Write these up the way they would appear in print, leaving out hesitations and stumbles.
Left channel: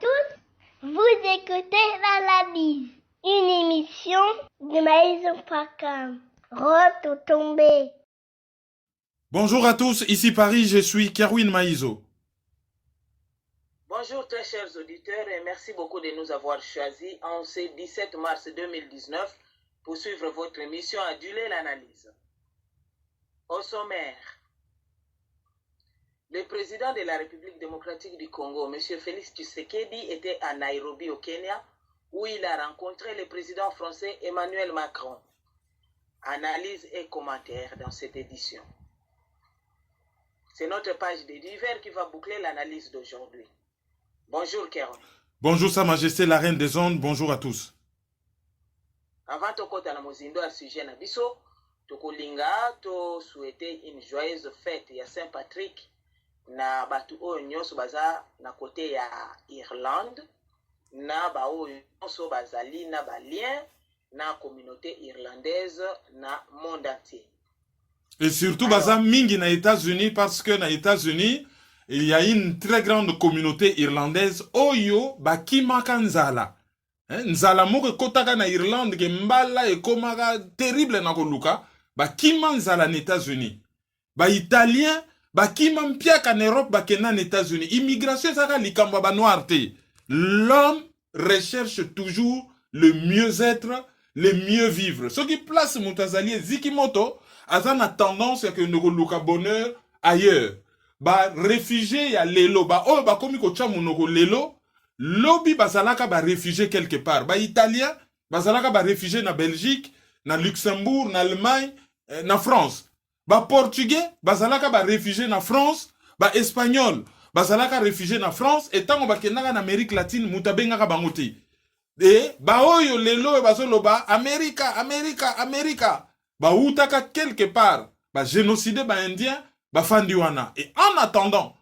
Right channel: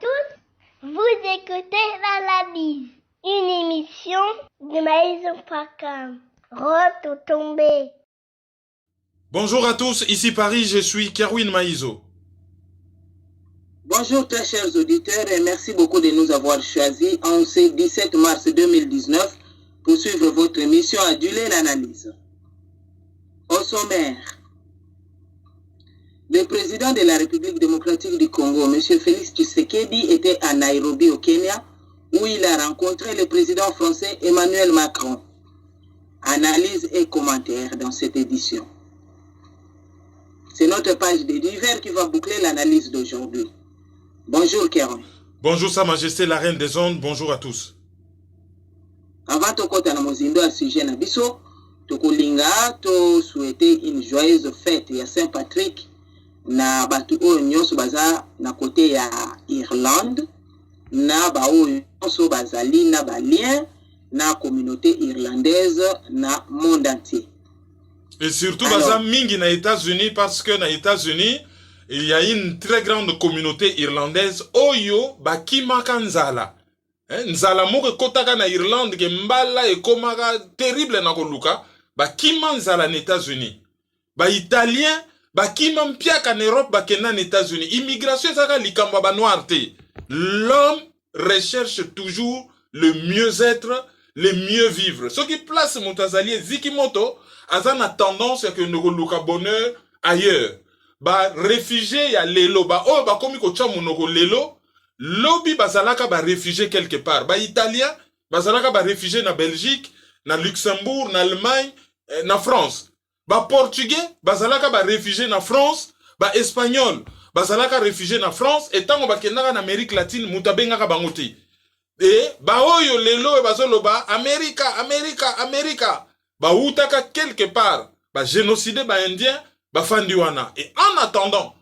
tous, vous écoutez l'analyse, une émission de Maïso.com. Retombé. Bonjour à tous, ici Paris, je suis Kerwin Maïso. Bonjour très chers auditeurs et merci beaucoup de nous avoir choisis en ce 17 mars 2019 pour suivre votre émission Adulée l'analyse. Au sommaire, le président de la République démocratique du Congo, M. Félix Tshisekedi, était à Nairobi au Kenya où il a rencontré le président français Emmanuel Macron. Analyse et commentaires dans cette édition. C'est notre page de divers qui va boucler l'analyse d'aujourd'hui. Bonjour Kéron. Bonjour Sa Majesté la Reine des Ondes, bonjour à tous. Avant de kota na mozindo à sujet na biso, tokolinga to souhaiter une joyeuse fête ya Saint-Patrick na batu oyo nyonso baza na côté ya Irlande na ba oyo nyonso bazali na ba lien na communauté irlandaise na monde entier. Et surtout baza mingi na États-Unis parce que na États-Unis il y a une très grande communauté irlandaise oyo bakimaka nzala. Nzala moko kotaka na Irlande ke mbala ekomaka terrible na koluka bakima nzala na États-Unis. Ba italien bakima mpiaka na Europe bakena na États-Unis. Immigration saka likambo ba noir te. L'homme recherche toujours le mieux-être, le mieux vivre. Ce qui place Moutazali Zikimoto azana tendance ya que ne koluka bonheur ailleurs. Ba réfugié ya lelo ba oyo ba komi ko chamu noko lelo lobi bazalaka ba réfugié quelque part. Ba italien bazalaka ba réfugié na Belgique, na Luxembourg, na Allemagne, na France. Ba portugais bazalaka ba réfugié na France, ba espagnol bazalaka réfugié na France et tango ba kenaka na Amérique latine mutabengaka bangoti. Et ba oyo lelo bazoloba America ba utaka quelque part ba génocider ba indien ba fandiwana. Et en attendant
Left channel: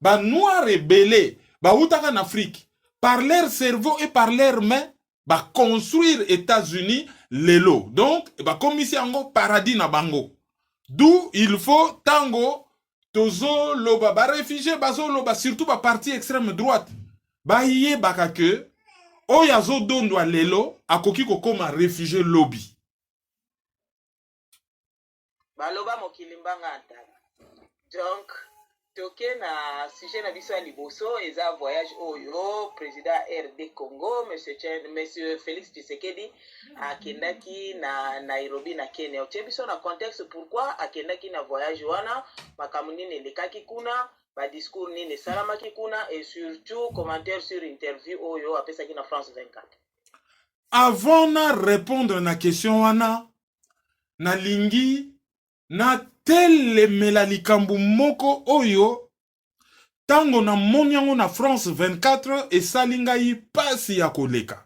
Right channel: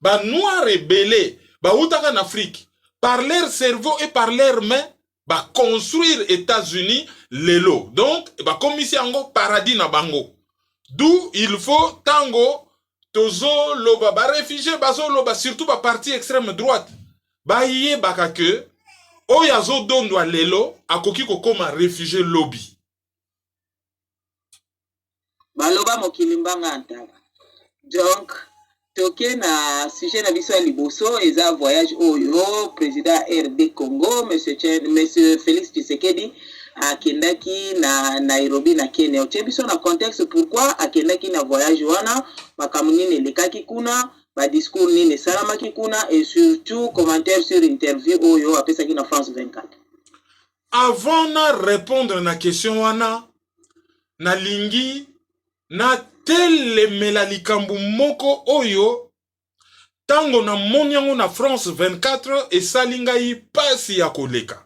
ba noirs rebellés ba utaka en Afrique par leur cerveau et par leurs mains ba construire États-Unis lelo. Donc ba komisi ango paradis na bango. D'où il faut tango tozo loba ba réfugié bazo loba surtout ba parti extrême droite ba yé baka que oyazo dondo lelo akoki kokoma réfugié lobby. Baloba mokilimbanga antala. Donc, toke na sujet na biso ya liboso eza voyage oyo président RD Congo monsieur Félix Tshisekedi akendaki na Nairobi na Kenya. Otie biso na contexte pourquoi akendaki na voyage wana, makambo nini elekaki kuna, ba discours nini esalamaki kuna et surtout commentaire sur interview oyo apesaki na France 24. Avant na répondre na question wana na lingi na telemela likambu moko oyo tango na monyango na France 24 esalingai pasi ya koleka.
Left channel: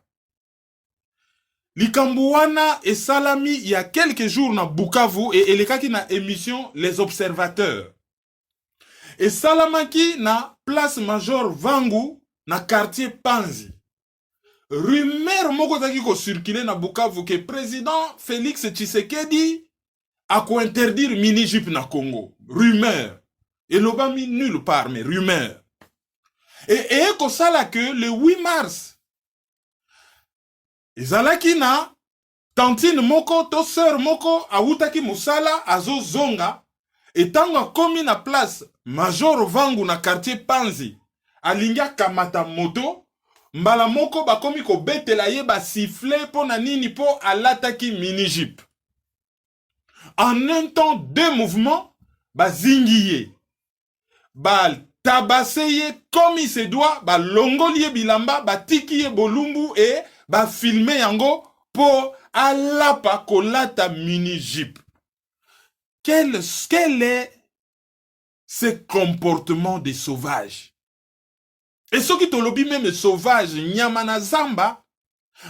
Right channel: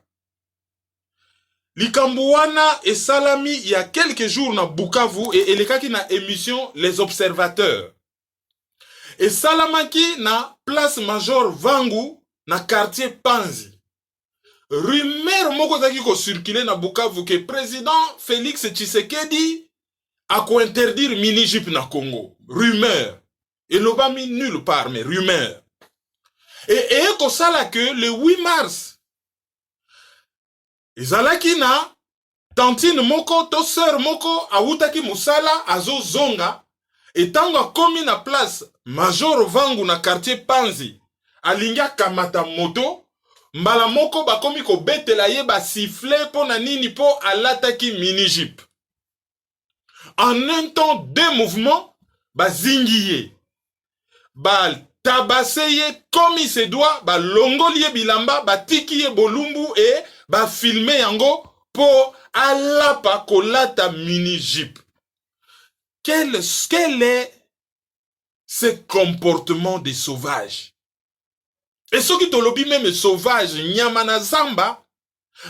Likambu wana esalami il y a quelques jours na Bukavu et elekaki na émission Les Observateurs. Esalamaki na place Major Vangu na quartier Panzi. Rumeur moko zaki ko circuler na Bukavu que président Félix Tshisekedi a ko interdire mini-jupe na Congo. Rumeur. Et l'obami nulle part, mais rumeur. Et ko sala que le 8 mars, ezalaki na tantine moko to sœur moko awutaki musala azo zonga et tango komi na place Major Vangu na quartier Panzi alinga kamata moto mbala moko bakomi ko betela ye ba siffler po na nini po alataki mini-jupe. En un temps, deux mouvements, ba zingiye, ba tabaseye comme il se doit, ba longoliye bilamba, ba tikiye bolumbu et ba filmer yango pour alapa kolata mini-jupe. Quel est ce comportement des sauvages? Et ceux qui te lobby même sauvage, nyamana zamba,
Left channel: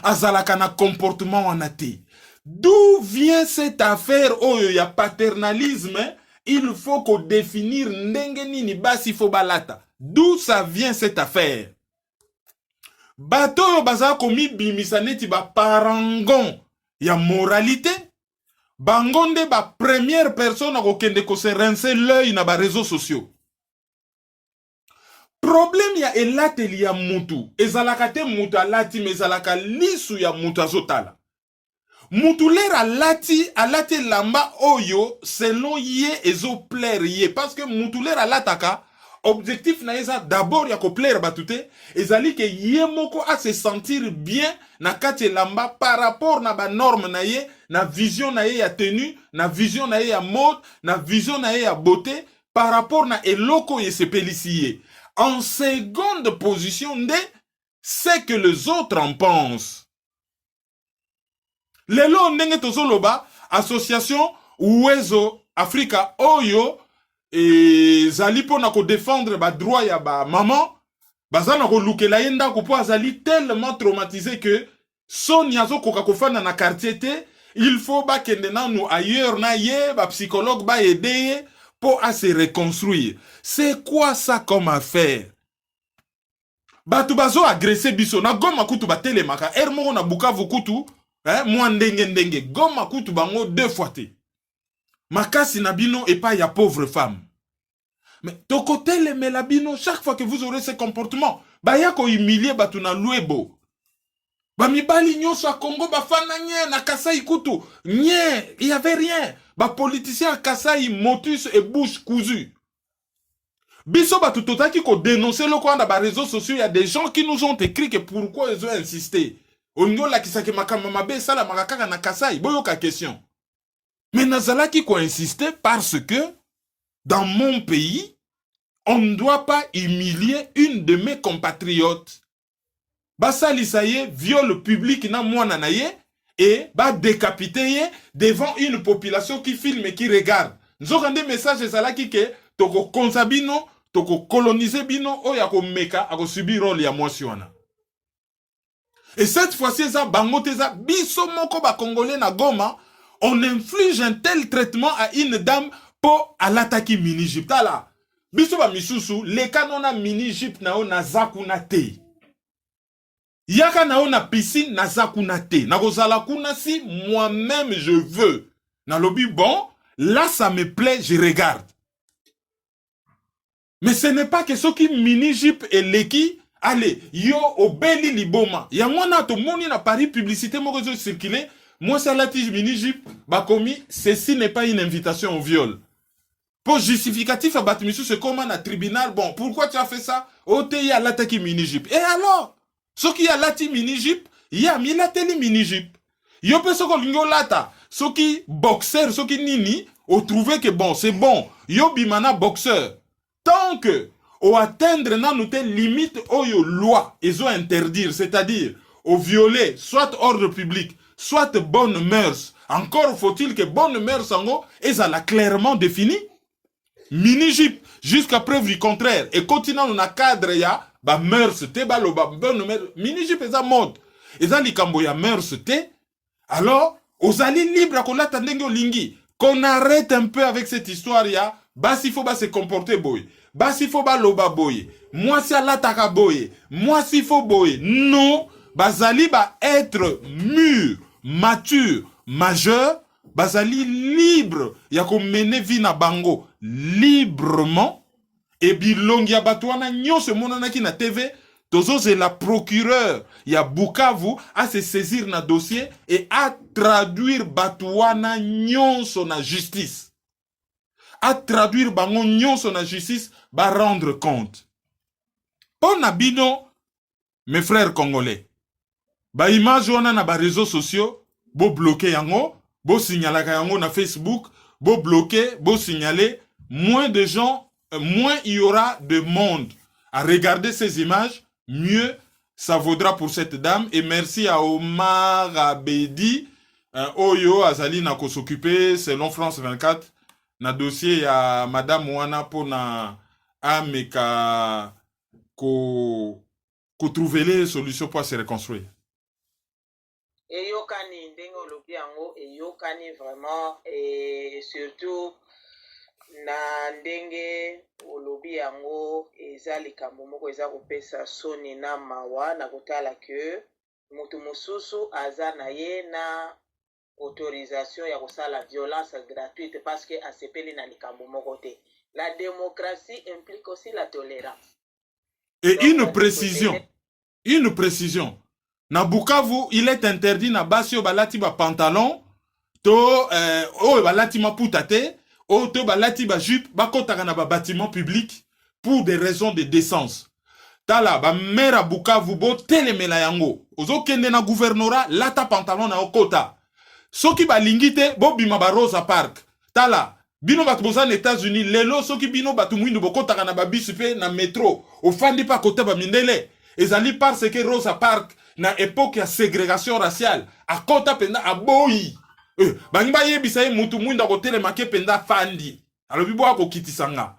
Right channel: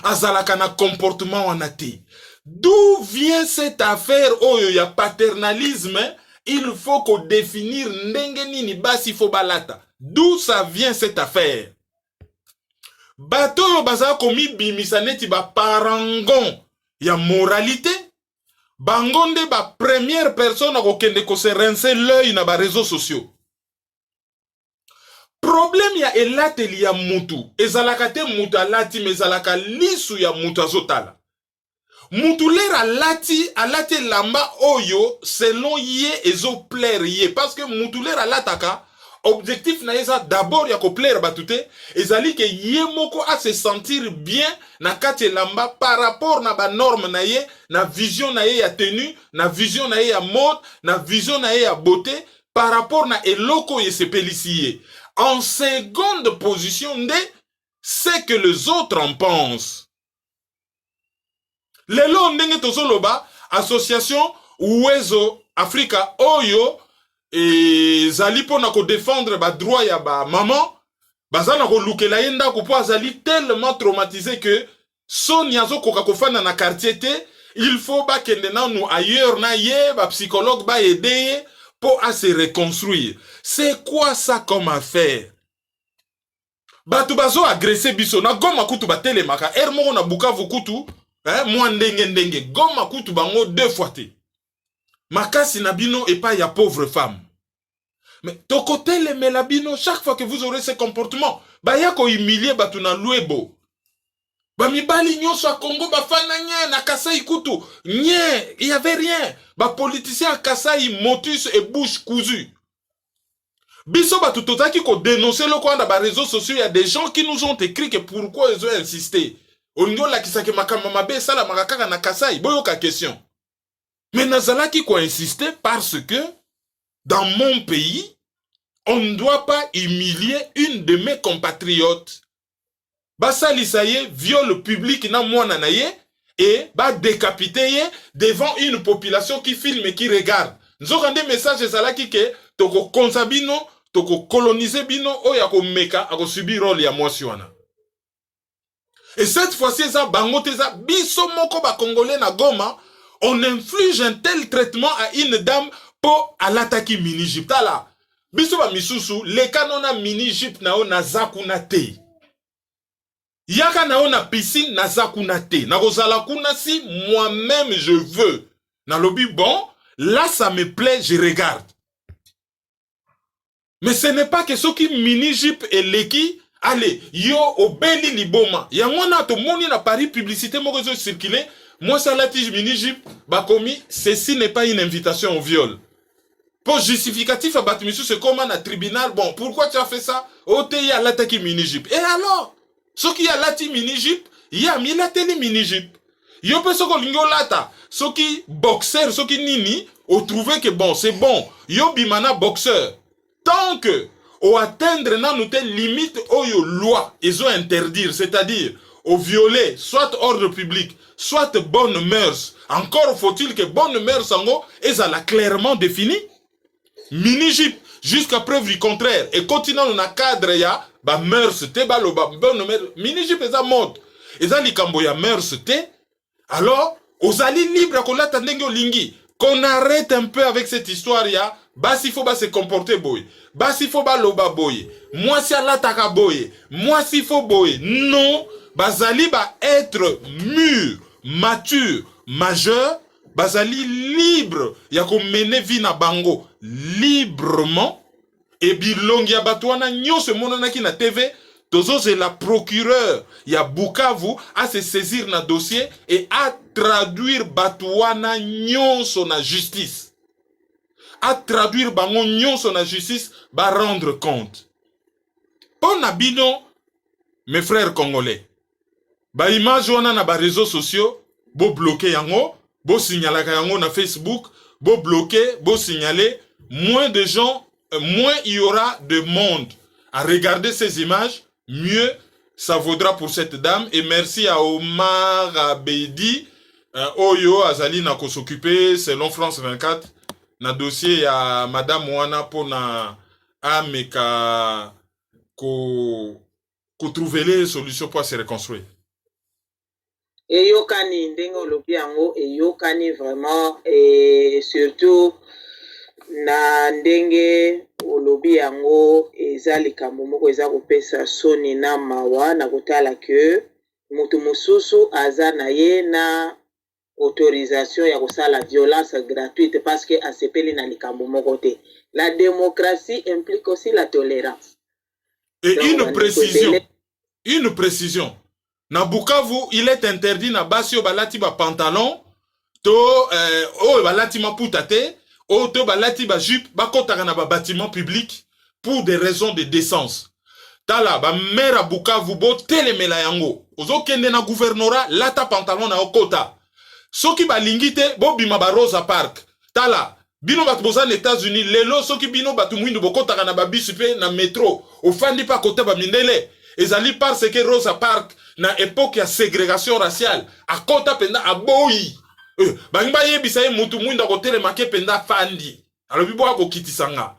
azalaka na comportement wanate. D'où vient cette affaire où il y a paternalisme? Il faut qu'on définisse ndenge nini basi fo balata. D'où ça vient cette affaire? Bato yo baza komi bimisaneti ba parangon ya moralité. Bangonde ba première personne à kokende ko se rincer l'œil na ba réseaux sociaux. problème ya elateli ya mutu ezalaka te mutu alati me ezalaka lisu ya mutu azotala. Mutu lera alati lamba oyo selon ye ezo plaire ye parce que mutu lera alataka objectif na eza d'abord ya ko plaire batute ezali ke ye moko a se sentir bien na kati lamba par rapport na ba norme na ye, na vision na ye ya tenue, na vision na ye ya mode, na vision na ye ya beauté par rapport na eloko ye sepelisi ye. En seconde position nde c'est que les autres en pensent. Lelo ndenge tozoloba association Uwezo Africa oyo zali pona ko défendre ba droit ya ba maman bazana ko lukela yenda ko po azali tellement traumatisé que son yazo koka kofana na quartier te, il faut ba kende na nous ailleurs na ye ba psychologue ba aider pour à se reconstruire. C'est quoi ça comme affaire? Batu bazo agressé biso na Goma kutu batelemaka moko na Bukavu kutu moi ndenge Goma kutu bango 2 fois te. Makasi na bino et pas ya pauvre femme. Mais tokotele melabino chaque fois que vous aurez ce comportement baya ko humilier batu na Luebo. Ba mibali nyonso a Congo bafana nye na Kasai kutu nye, il y avait rien. Ba politicien à Kasai motus et bouche cousue. Biso batu totaki ko dénoncer le coin dans les réseaux sociaux, il y a des gens qui nous ont écrit que pourquoi ils ont insisté. On n'y a qui sake makama be sala makaka na Kasai, boyoka question. Mais nazala qui ko insister parce que dans mon pays, on ne doit pas humilier une de mes compatriotes. Basa lisaye viol public na mwana na ye et ba décapiter devant une population qui filme et qui regarde. Nous avons des messages ezala qui ke toko konsabino, toko coloniser bino o ya ko meka ako subir rôle ya mwasi wana. Et cette fois-ci ça bangote ça biso moko ba congolais na Goma, on inflige un tel traitement à une dame pour à l'attaquer mini-Egypte là. Biso ba misusu le kanona mini-Egypte na o na zakuna te. Yaka na o na piscine na zakuna te. Na kozala kuna si moi-même je veux. Na lobi bon, là ça me plaît, je regarde. Mais ce n'est pas que ceux qui mini-Egypte et leki, allez, yo obeli liboma. Yango na to moni na Paris publicité mo réseau circuler. Moi ça la tige mini-Egypte, ba komi, ceci n'est pas une invitation au viol. Pour justificatif à battre monsieur, c'est comme un tribunal. Bon, pourquoi tu as fait ça? Oh, tu y a l'attaque mini-Egypte. Et alors? Ce qui a l'attaque mini-Egypte, il y a mis la télé mini-Egypte. Yo pe soko lingo lata. Ce qui boxeur, ce qui nini, ont trouvé que bon, c'est bon. Yo bimana boxeur. Tant que, au atteindre na nous telle limite, oh yo loi, ils ont interdire, c'est-à-dire, au violer, soit ordre public, soit bonne mœurs. Encore faut-il que bonne mœurs en haut, ils ont clairement défini. Mini-Egypte, jusqu'à preuve du contraire. Et continuant dans le cadre, il y a ba mœurs te, ba lo ba bonne mœurs. Mini-Egypte, ils ont mode. Ils ont likambo ya mœurs te. Alors, aux alliés libres à kola tandenge lingi. Qu'on arrête un peu avec cette histoire, ya. Bas s'il faut se comporter boy. Bas s'il faut loba boy. Moi si alataka boy. Moi s'il faut boy. Non, bazali ba être mûr, mature, majeur. Bazali libre, ya ko mene vi na bango librement. Et bilongi ya batwana nyonso monanaki na TV, tozo c'est la procureur ya Bukavu à se saisir na dossier et à traduire batwana nyonso na justice. À traduire bango nyonso na justice, ba rendre compte. Pon na bino, mes frères congolais, ba image wana na ba réseaux sociaux, bo bloquer yango. Bo signaler na Facebook, bo bloquer, bo signaler, moins de gens, moins il y aura de monde à regarder ces images, mieux ça vaudra pour cette dame. Et merci à Omar Abedi, Oyo Azali na ko s'occuper selon France 24 na dossier à Madame Wana pour na ameka ko trouver les solutions pour se reconstruire. Eyokani ndenge olobi yango eyokani vraiment et surtout na ndenge olobi yango eza likambo moko eza kopesa soni na mawa na kotala ke mutu mosusu aza na ye na autorisation ya kosala violence gratuite parce que asepeli na likambo moko te. La démocratie implique aussi la tolérance. Et Donc, une précision. Na Bukavu, il est interdit na basi yo balati ba pantalon, to balati maputa te, to balati ba jupe, ba kotaka na ba bâtiment public pour des raisons de décence. Tala ba mère à Bukavu bo telemela yango. Ozo kende na gouvernorat lata pantalon na okota. Soki ba lingite bo bima ba Rosa Park. Tala bino batu boza na États-Unis lelo soki bino batu mwindu bokotaka na ba bus pe na métro. Ofandi pa kota ba mindele. Ezali parce que Rosa Park na époque ya ségrégation raciale akota penda aboyi. Bangba yebisa ye mutu mwindu akotelema ke penda fandi. Alobi bo akokitisanga.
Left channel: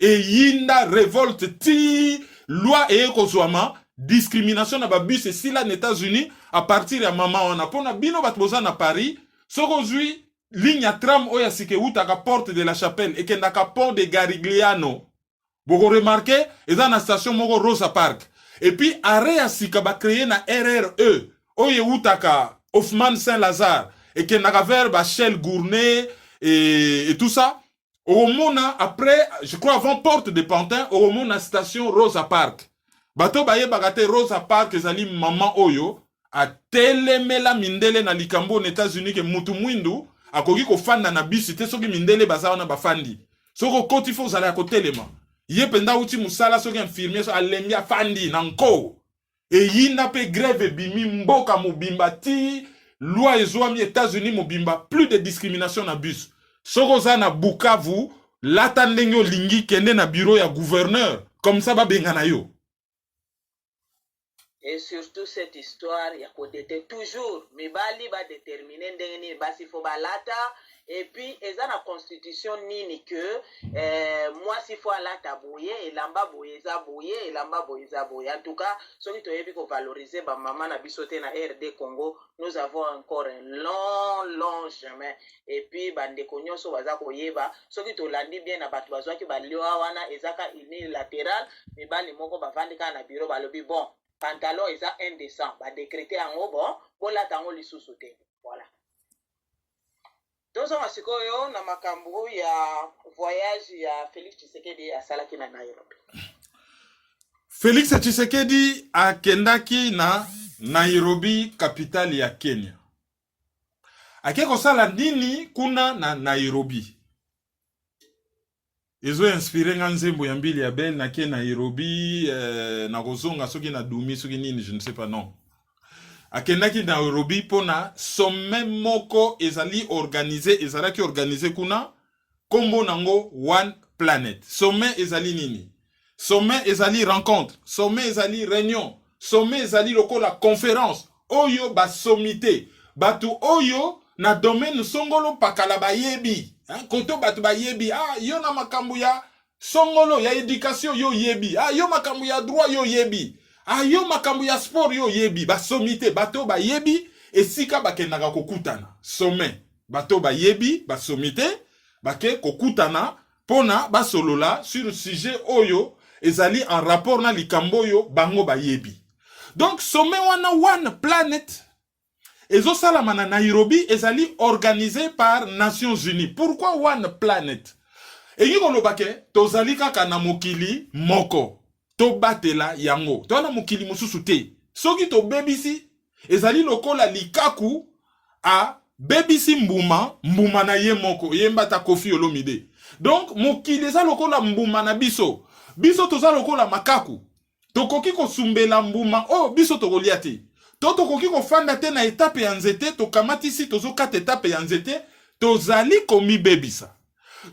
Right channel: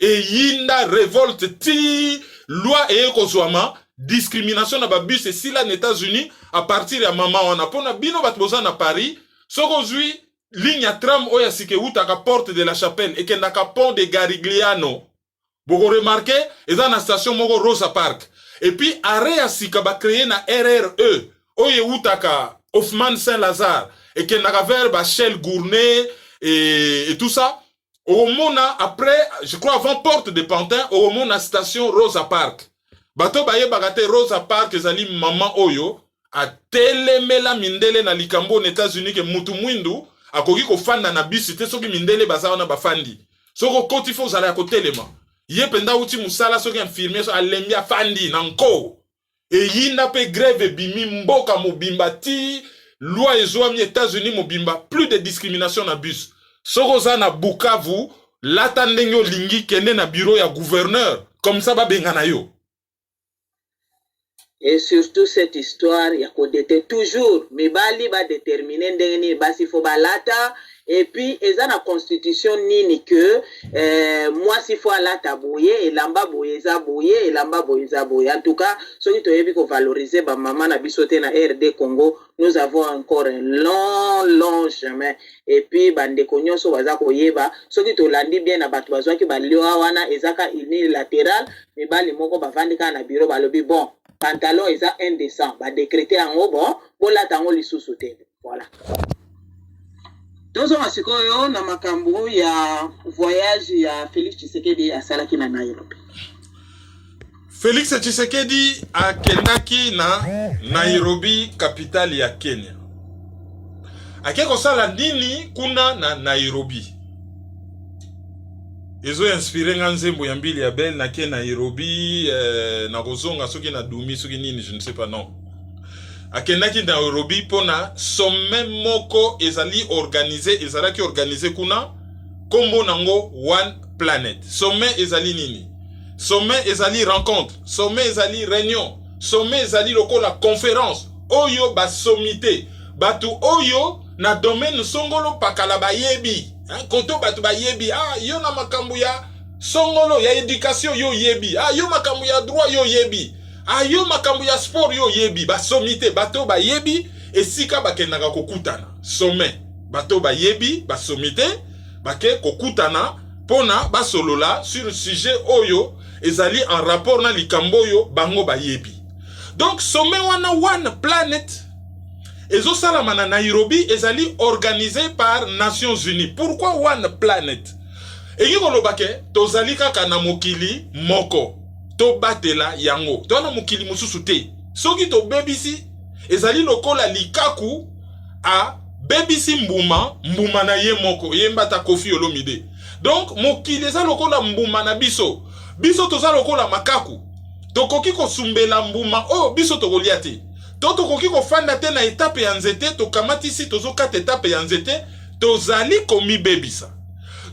Et yinda révolte ti loi et kozwama discrimination na ba bus et si la États-Unis à partir ya mama wana pona bino batboza na Paris soko zui ligne ya tram oya sike utaka porte de la Chapelle et kendaka pont de Garigliano boko remarqué eza na station moko Rosa Park et puis arrêt ya sika ba créer na RRE oye utaka Hoffman Saint-Lazare et kendaka vers ba Shell Gournay et tout ça. Au mona après, je crois avant porte de Pantin, au mona station Rosa Park. Bato baye bagate Rosa Park ezali maman oyo a telemela mindele na likambo aux États-Unis ke mutu mwindu akoki ko fanda na bisi te soki mindele baza na bafandi. Soko koti fo zala ko telema. Ye penda uti musala soki infirmier so alembia fandi nanko. E yinda pe grève bimi mboka mobimba ti loi ezwami États-Unis mobimba plus de discrimination na bus. Soko na Bukavu, lata ndenge lingi kende na bureau ya gouverneur, comme ça ba bengana yo. Et surtout cette histoire, il y a kodete toujours, mibali ba déterminer ndenge ni basi fo balata, et puis eza na constitution nini que moi si fo alata boye, elamba boye za boye, elamba boye za boye. En tout cas, ceux qui toyebi ko valoriser ba maman na bisote na RD Congo, nous avons encore un long chemin. Et puis bande konyoso baza koyeba, ceux qui to landi bien na batu bazwa ki balioa wana ezaka unilatéral, mibali moko bavandika na bureau balobi bon. Pantalon eza indécent, ba décréter en haut bon, bola tango lisusu te. Voilà. Tozo masikoyo na makambo ya voyage ya Félix Tshisekedi asalaki na Nairobi. Félix Tshisekedi akendaki na Nairobi, capitale ya Kenya. Akeko sala nini kuna na Nairobi? Ezo inspiré nga nzembo ya mbili ya belle na ke Nairobi na kozonga soki na dumi soki nini je ne sais pas non. Akendaki na Nairobi pona sommet moko ezali organisé kuna kombo nango One Planet. Sommet ezali nini? Sommet ezali rencontre, sommet ezali réunion, sommet ezali lokola conférence. Oyo ba sommité, batu oyo na domaine songolo pakala bayebi. Koto batu ba yebi, yo na makambu ya songolo ya éducation yo yebi, yo makambu ya droit yo yebi, yo makambu ya sport yo yebi, ba sommité bato ba yebi esika bakendaka kokutana. Sommet bato ba yebi, ba sommité bake kokutana pona ba solola sur le sujet oyo ezali en rapport na likambo yo bango ba yebi. Donc sommet wana One Planet Ezo salama na Nairobi ezali organisé par Nations Unies. Pourquoi One Planet? Eki kolobake tozali kaka na mokili moko. To batela yango. To na mokili mususu te. Soki to bebisi ezali lokola likaku a bebisi mbuma na ye moko. Yembata Koffi Olomide. Donc mokili ezali lokola mbuma na biso. Biso tozali lokola makaku. Tokoki kosumbela mbuma biso tokolia te. Toto koki ko fanda te na étape ya nzete to kamati si tozo 4 étapes ya nzete tozali komi bebisa.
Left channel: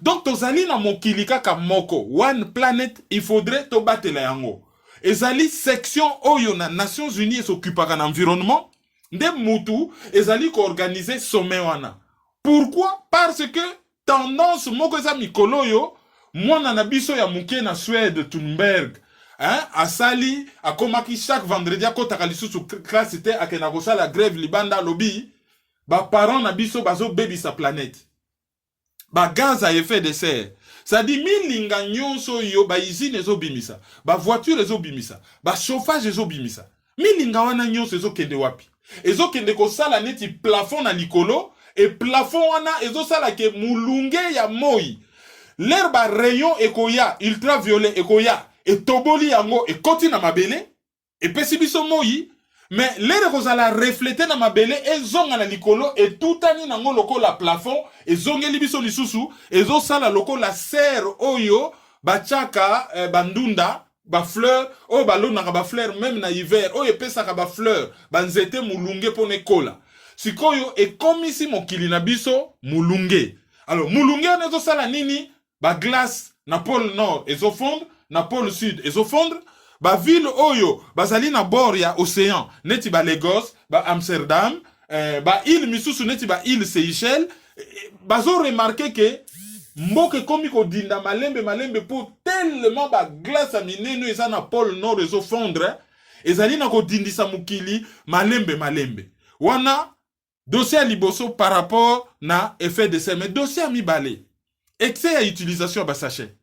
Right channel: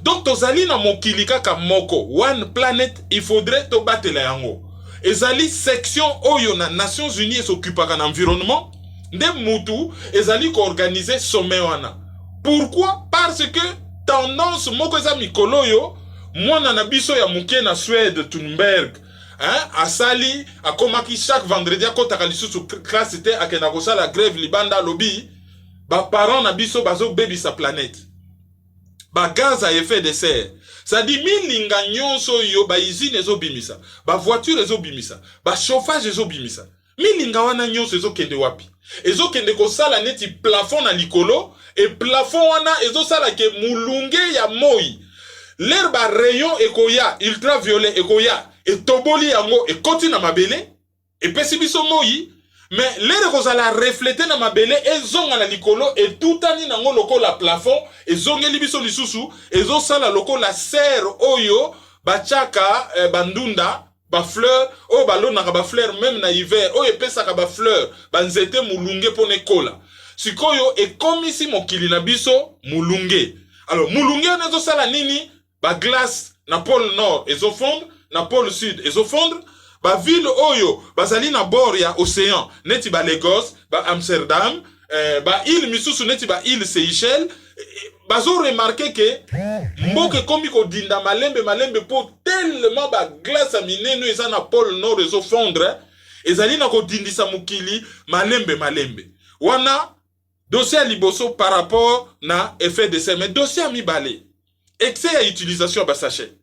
Donc tozali na mokili kaka moko One Planet il faudrait to batela yango. Ezali section oyo na Nations Unies s'occupaka na environnement nde mutu ezali ko organiser sommet wana. Pourquoi? Parce que tendance moko eza mikolo yo mwana na biso ya muke na Suède Thunberg asali akomaki chaque vendredi akotaka lisusu classe te akena kosala grève libanda lobby ba parents na biso bazo bebisa planète ba gaz à effet de serre ça dit milinga nyonso yo ba usine ezo bimisa ba voiture ezo bimisa ba chauffage ezo bimisa milinga wana nyonso ezo kende wapi ezo kende kosala neti plafond na likolo et plafond wana ezo sala ke mulunge ya moi l'herbe rayon ekoya ultraviolet ekoya etoboli yango ekoti na mabele epesi biso moi mais lere kozala refléter na mabele ezonga na likolo etutani nango lokola plafond ezongeli biso lisusu ezosala lokola serre oyo bachaka bandunda ba fleur oyo balonaka ba fleur même na hiver oyo epesaka ba fleur banzete mulunge pone kola sikoyo ekomisi mokili na biso mulunge. Alors mulunge on ezosala nini? Ba glace na pôle nord ezofondre na pôle sud ezofondre. Ba ville oyo bazali na bord ya océan neti ba Lagos ba Amsterdam ba île misusu neti ba île Seychelles bazo remarquer que mboke komi ko dinda malembe po tellement ba glace a mineno eza na pôle nord ezofondre ezali na ko dindisa mukili malembe wana dossier liboso par rapport na effet de serre mais dossier mi balé excès ya utilisation ba sachet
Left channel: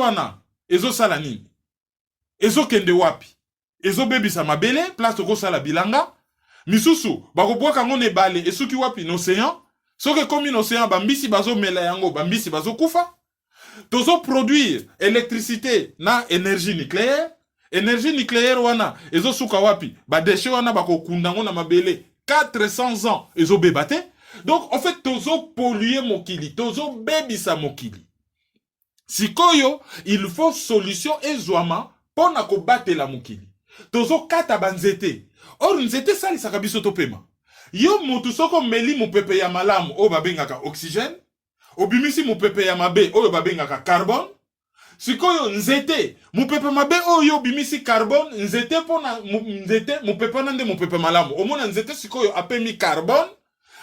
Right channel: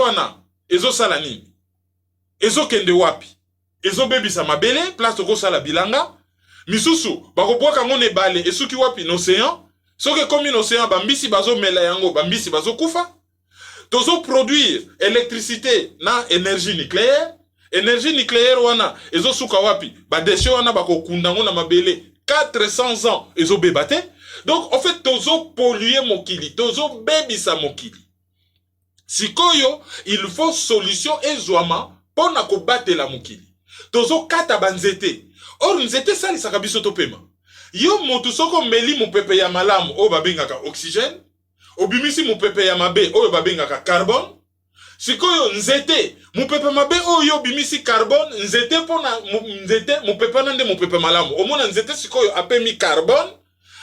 wana ezosala nini? Ezokende wapi? Ezobebisa mabele place okosala bilanga misusu bakobwaka ngo ne bale esuki wapi? N'océan. Soki komi n'océan bambisi bazomela yango bambisi bazokufa. Tozo produire électricité na énergie nucléaire wana ezosuka wapi? Badeshe wana bakokunda ngo na mabele 400 ans ezobeba te. Donc en fait tozo polluer mokili, tozo bebisa mokili. Sikoyo il faut solution ezwama pona ko batela mokili. Tozo kata banzete. Or nzete salisaka biso topema. Yo mutu soko meli mupepe ya malamu o babengaka oxygène, obimisi mupepe ya mabe o babengaka carbone. Sikoyo nzete mupepe mabe o yo bimisi carbone, nzete pona nzete mupepe nande mupepe malamu. Omona nzete sikoyo apemi carbone,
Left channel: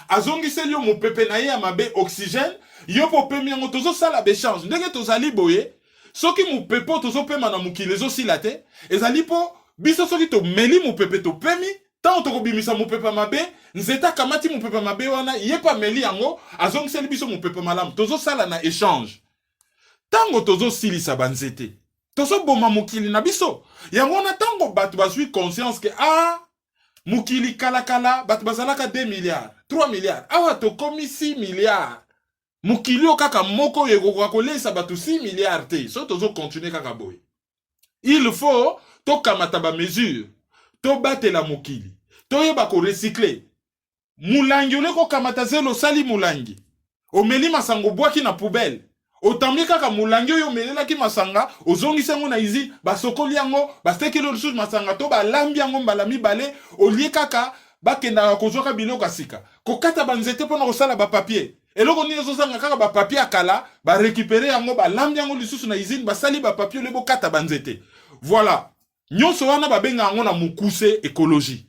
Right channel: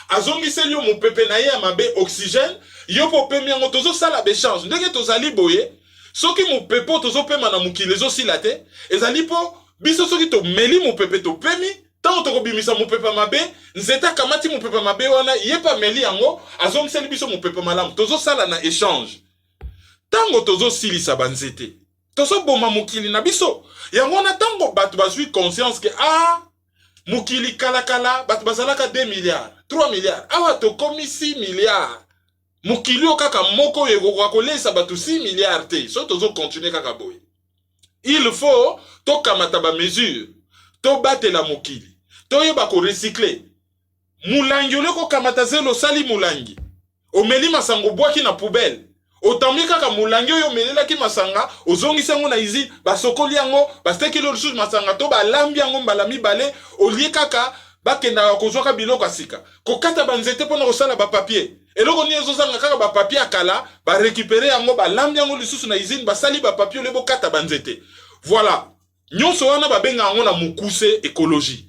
azongiseli yo mupepe na ye ya mabe oxygène, yo popemi yango tozo sala bechange. Ndenge tozali boye soki mupepe tozo pema na mukili ezosila te, ezali po biso soki to meli mupepe to pemi tant to kobimisa mupepe mabe nzeta kamati mupepe mabe wana yepa meli yango azongiseli biso mupepe malamu tozo sala na échange. Tango tozo silisa banzete tozo boma mukili na biso yango na tango batu bazwi conscience que mukili kala batu bazalaka 2 milliards 3 milliards awa to komi 6 milliards mukili okaka moko yeko kolesa batu 6 milliards te so tozo continuer kaka boye. Il faut to kamata ba mesure to batela mukili to yeba ko recycler mulangi oleko kamata zelo sali mulangi omeli masango bwaki na poubelle otambi kaka mulangi oyo melelaki masanga ozongisa yango na izi basokoli yango bastekeli lisusu masanga to balambi yango mbala mibale olie kaka bakendaka kozwaka biloko asika kokata banzete mpona kosala bapapier eloko ni ezozanga kaka bapapier akala barécupere yango balambi yango lisusu na izine basali bapapier olebo kata banzete. Voilà nyonso wana babenga yango na mukuse écologie.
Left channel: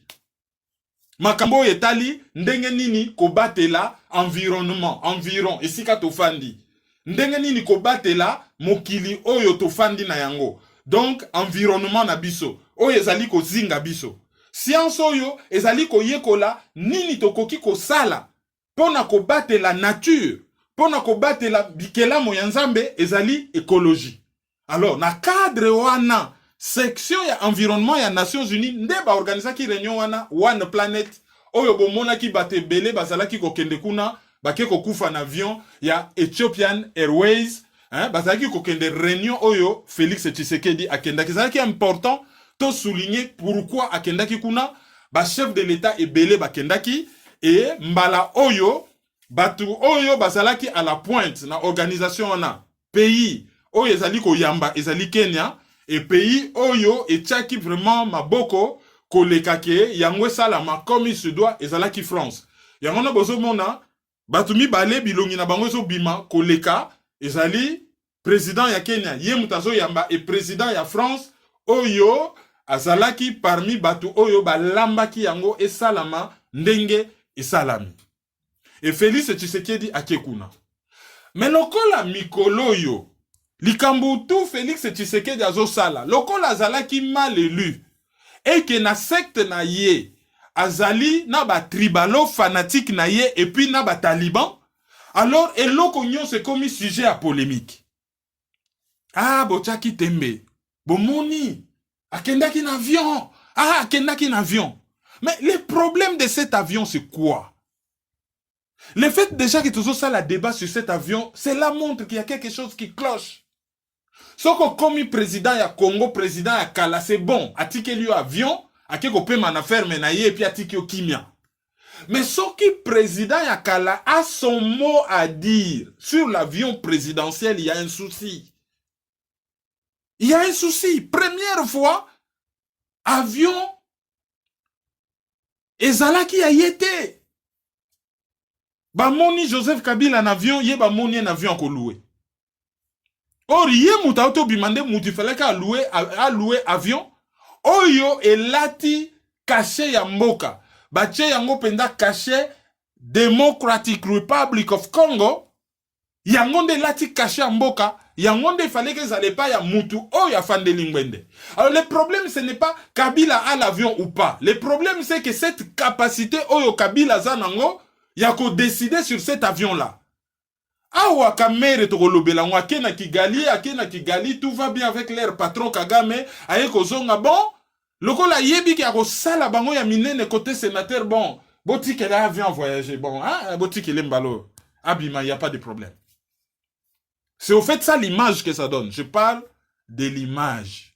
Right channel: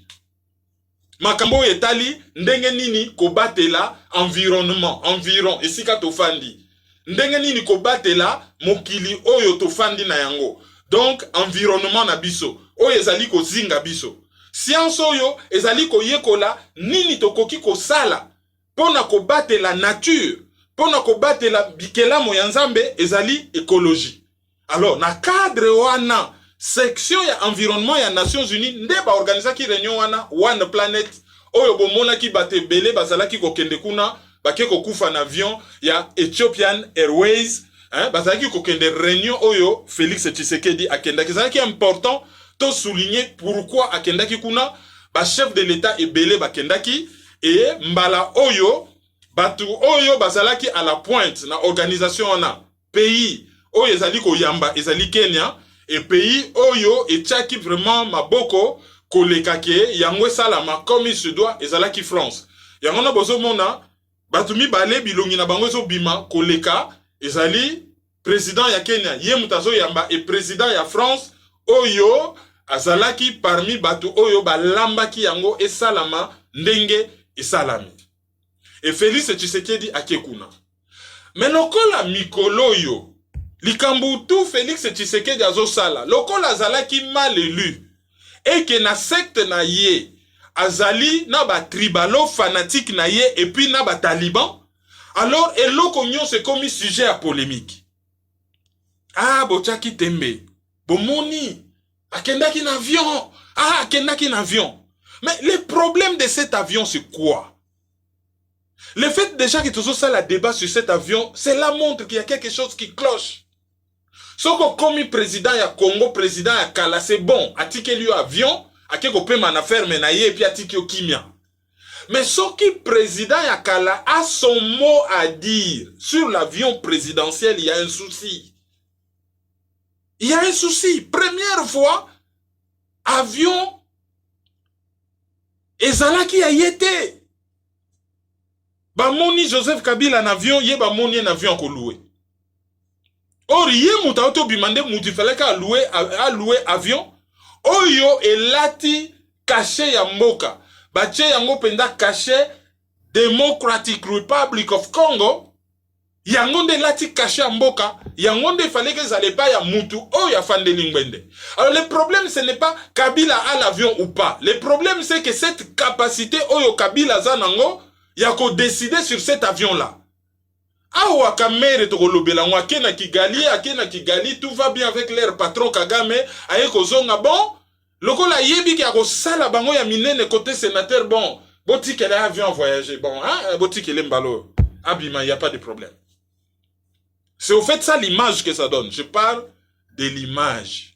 Makambo etali ndenge nini kobatela environ esika tofandi ndenge nini kobatela mokili oyo tofandi na yango. Donc environnement na biso oyo ezali kozinga biso. Science oyo ezali koyekola nini tokoki kosala pona kobatela nature, pona kobatela bikelamo ya Nzambe ezali écologie. Alors na cadre wana section ya environnement ya Nations Unies nde ba organisaki réunion wana One Planet oyo bomona ki batebele bazalaki kokende kuna bake kokufa na avion ya Ethiopian Airways bazalaki kokende réunion oyo Félix Tshisekedi akendaki. Zalaki important to souligner pourquoi akendaki kuna ba chef de l'état ebele bakendaki et mbala oyo batu oyo bazalaki à la pointe na organisation wana pays oyo ezali koyamba ezali Kenya et pays oyo etiaki vraiment maboko kolekake yango salama comme il se doit ezalaki France. Yango na bozomona batu mibale bilongi na bango ezobima koleka ezali président ya Kenya ye mutazo yamba et président ya France oyo azalaki parmi batu oyo balambaki yango esalama ndenge esalami. Et Félix Tshisekedi akekuna. Mais lokola mikolo yo likambu tout Félix Tshisekedi azosala lokola azalaki mal élu et que na secte na ye azali na ba tribalo fanatique na ye et puis na ba taliban, alors eloko nyonso komi sujet à polémique. Bochaki tembe bomoni akendaki na avion, akendaki na avion. Mais le problème de cet avion c'est quoi? Le fait déjà que tout ça la débat sur cet avion, c'est la montre qu'il y a quelque chose qui cloche. Soko komi président ya Congo, président ya Kala, c'est bon. Atike liyo avion, ake ko pe man affaire menaye, et puis atike yo kimia. Mais ce qui président ya Kala a son mot à dire sur l'avion présidentiel, il y a un souci. Il y a un souci. Première fois, avion ezalaki a yete. Ba moni Joseph Kabila en avion, ye ba moni en avion ko loué. Or ye muta auto bimande muti fallait ka louer avion. Oyo elati caché ya mboka. Bache yango penda caché Democratic Republic of Congo. Yangonde lati caché ya mboka. Yangonde il fallait que ça n'allait pas ya mutu. Oh ya fande lingwende. Alors le problème ce n'est pas Kabila a l'avion ou pas. Le problème c'est que cette capacité oyo Kabila zanango yako décider sur cet avion là. Awa kamere to kolobela akena Kigali, tout va bien avec leur patron Kagame, aye kozonga bon. Lokola yebi ki akosala bango ya minene côté sénateur bon. Boti qu'elle a avion voyager bon, hein, boti qu'elle mbalo. Abima, il y a pas de problème. C'est au fait ça l'image que ça donne. Je parle de l'image.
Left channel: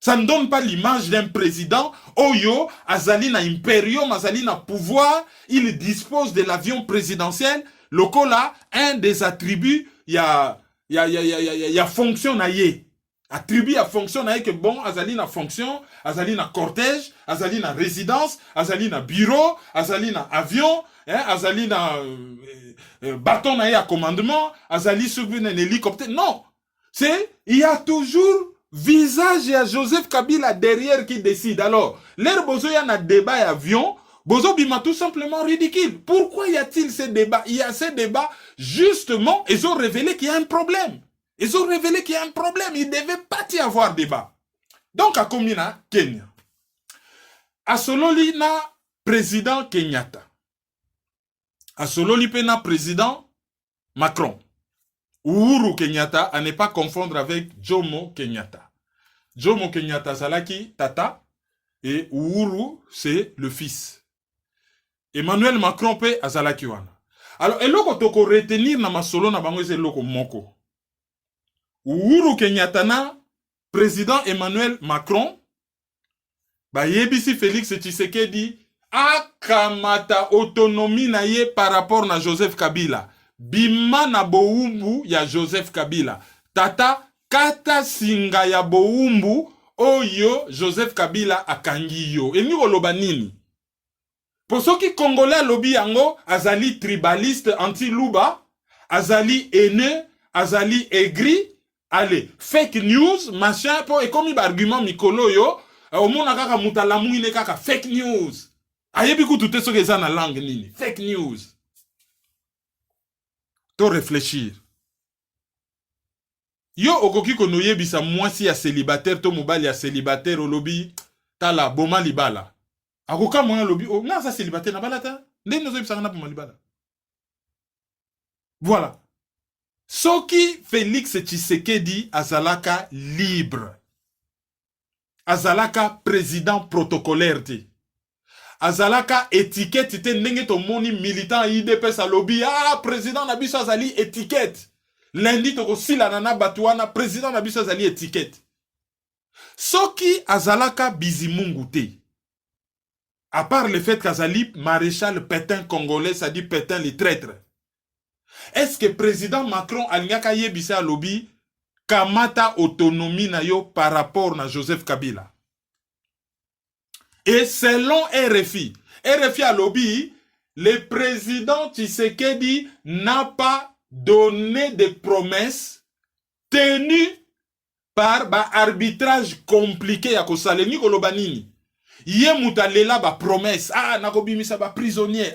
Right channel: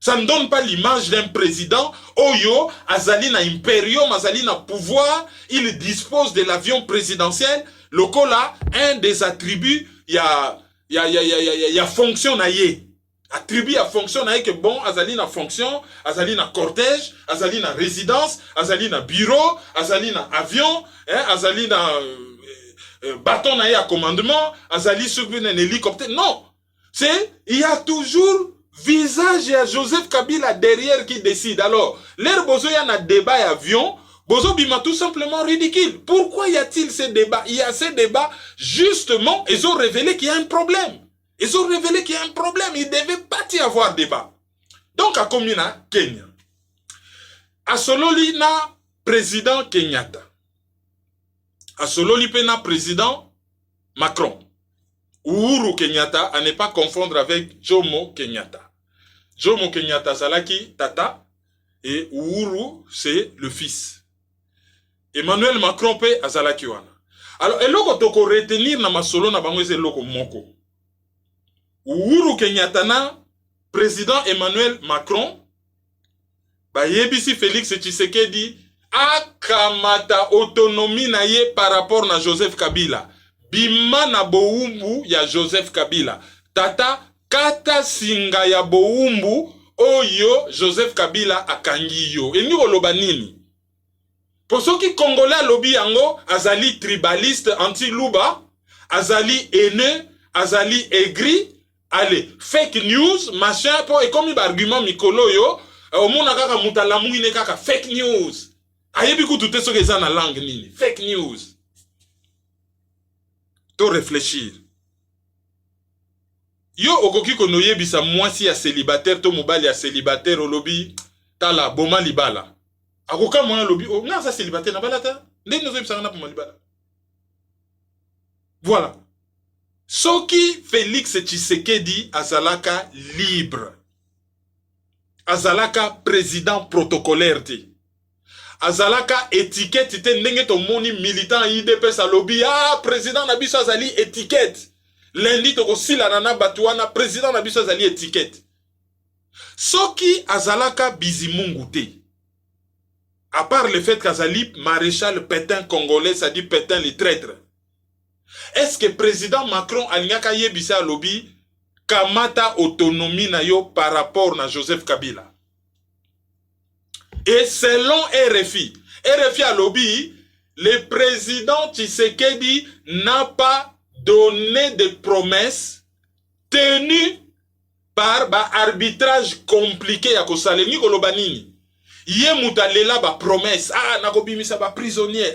Ça ne donne pas l'image d'un président. Oyo, azali na imperium, azali na pouvoir, il dispose de l'avion présidentiel. Lokola, un des attributs, il y a fonction na ye. Attribut à fonction na ye que bon, azali na fonction, azali na cortège, azali na résidence, azali na bureau, azali na avion, hein, azali na bâton na ye à commandement, azali sur un hélicoptère. Non, c'est, il y a toujours visage à Joseph Kabila derrière qui décide. Alors, l'air bozo y a un débat avion, bozo bima tout simplement ridicule. Pourquoi y a-t-il ces débats? Il y a ces débats, justement, ils ont révélé qu'il y a un problème. Ils ont révélé qu'il y a un problème. Il ne devait pas y avoir débat. Donc, à Komina, Kenya. À Sololi, na président Kenyatta. À Sololi, na président Macron. Uhuru Kenyatta, à ne pas confondre avec Jomo Kenyatta. Jomo Kenyatta, Salaki, Tata, et Uhuru, c'est le fils. Emmanuel Macron, pe, Azalaki wana. Alors, eloko toko retenir na masolo na bango, c'est loko moko. Uhuru Kenyatta na président Emmanuel Macron, ba yebisi Félix Tshisekedi, akamata autonomie na ye par rapport na Joseph Kabila. Bima na boumbu ya Joseph Kabila. Tata kata singa ya boumbu oyo Joseph Kabila akangi yo. Eni koloba nini? Pour ceux qui congolais lobi yango, azali tribaliste anti-luba, azali haineux, azali aigri, allez, fake news, machin, et comme il argument mikolo yo, au mona kaka mutalamu ine kaka fake news. Ayebi kutu so que ça na langue nini? Fake news. To réfléchir. Yo okoki kono yebisa mwasi ya célibataire to mobali ya célibataire au lobby tala boma libala. Akoka mwana lobby o nga sa célibataire na balata. Ndenge nozo yebisa na poma libala. Voilà. Soki Félix Tshisekedi azalaka libre. Azalaka président protocolaire te. Azalaka étiquette te ndenge to moni militant IDPS a lobby président na biso azali étiquette. Lundi to kosila nana batuana président na biso azali étiquette. Soki azalaka bizimungu te. À part le fait qu'azali maréchal Pétain congolais, ça dit Pétain les traîtres. Est-ce que président Macron alingaka yebisa lobby kamata autonomie na yo par rapport na Joseph Kabila? Et selon RFI a lobby, le président Tshisekedi n'a pas donné de promesses tenues par arbitrage compliqué ya kosaleni koloba nini. Ye mutalela ba promesse, nako bimisa ba prisonnier,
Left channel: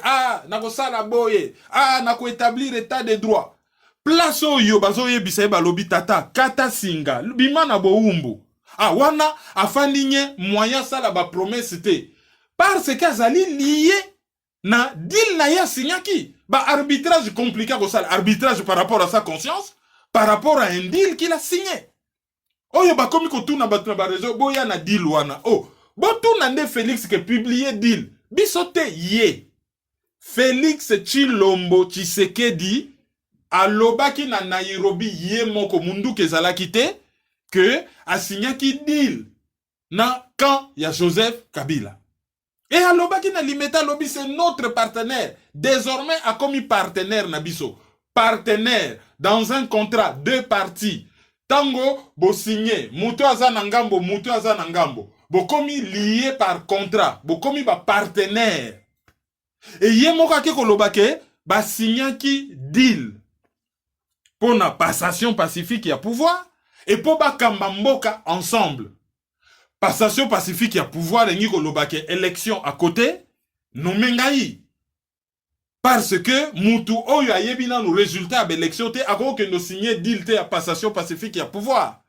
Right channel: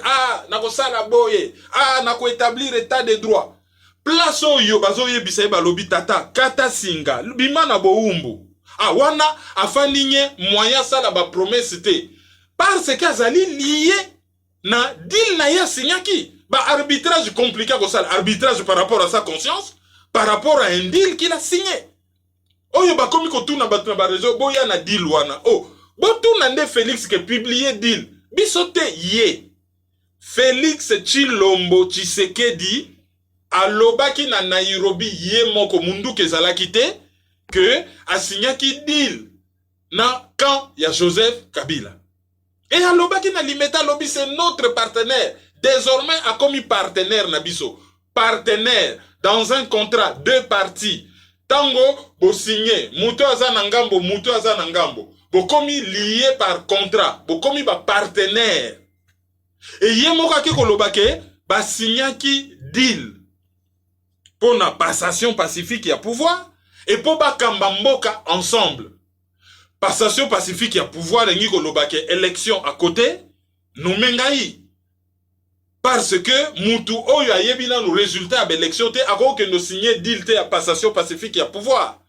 nako sala boye, nako établir état de droit. Place oyo bazo yebisa ba lobby tata kata singa bima na boumbu. Wana afandi nye moyen sala ba promesse te. Parce qu'azali lié na deal na ya signaki. Ba arbitrage compliqué ko sala arbitrage par rapport à sa conscience, par rapport à un deal qu'il a signé. Oyo ba komi ko tuna ba réseau boya na deal wana. Botouna nde Félix qui publié deal. Bisote ye. Félix Tshilombo Tshisekedi alobaki na Nairobi ye moko mundu kezalaki te que asignaki deal na camp ya Joseph Kabila. Et alobaki na limeta lobi c'est notre partenaire. Désormais a commis partenaire na biso. Partenaire dans un contrat deux parties. Tango bo signé, mutu aza na ngambo, mutu aza na ngambo. Bo komi lié par contrat, bo komi ba partenaire. Et ye moko aki kolobake ba signaki deal pour la passation pacifique ya pouvoir et pour ba kamba mboka ensemble. Passation pacifique ya pouvoir et kolobake élection à côté nomengai. Parce que mutu oyo ayebina le résultat de l'élection te ako que no signer deal te ya passation pacifique ya pouvoir.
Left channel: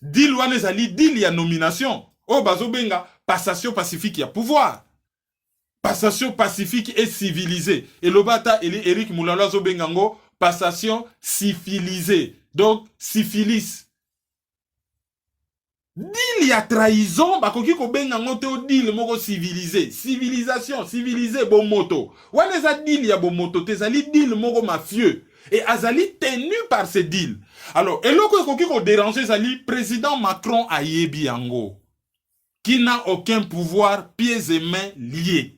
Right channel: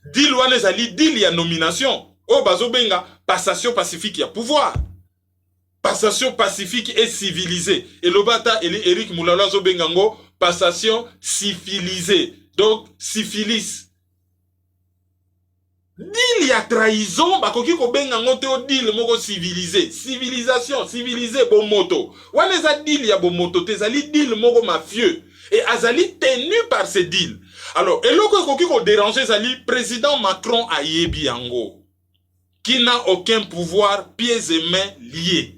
Deal wana ezali deal ya nomination. O bazo benga passation pacifique ya pouvoir. Passation pacifique et civilisée. Et le bata Eric Moulala zo bengango passation civilisée. Donc syphilis. Deal ya trahison bakoki ko bengango te o deal moko civilisé. Civilisation, civilisé bon moto. Wana eza deal ya bon moto te ezali deal moko mafieux et azali tenu par ce deal. Alors, eloko ekoki ko déranger ezali président Macron ayebi yango qui n'a aucun pouvoir pieds et mains liés.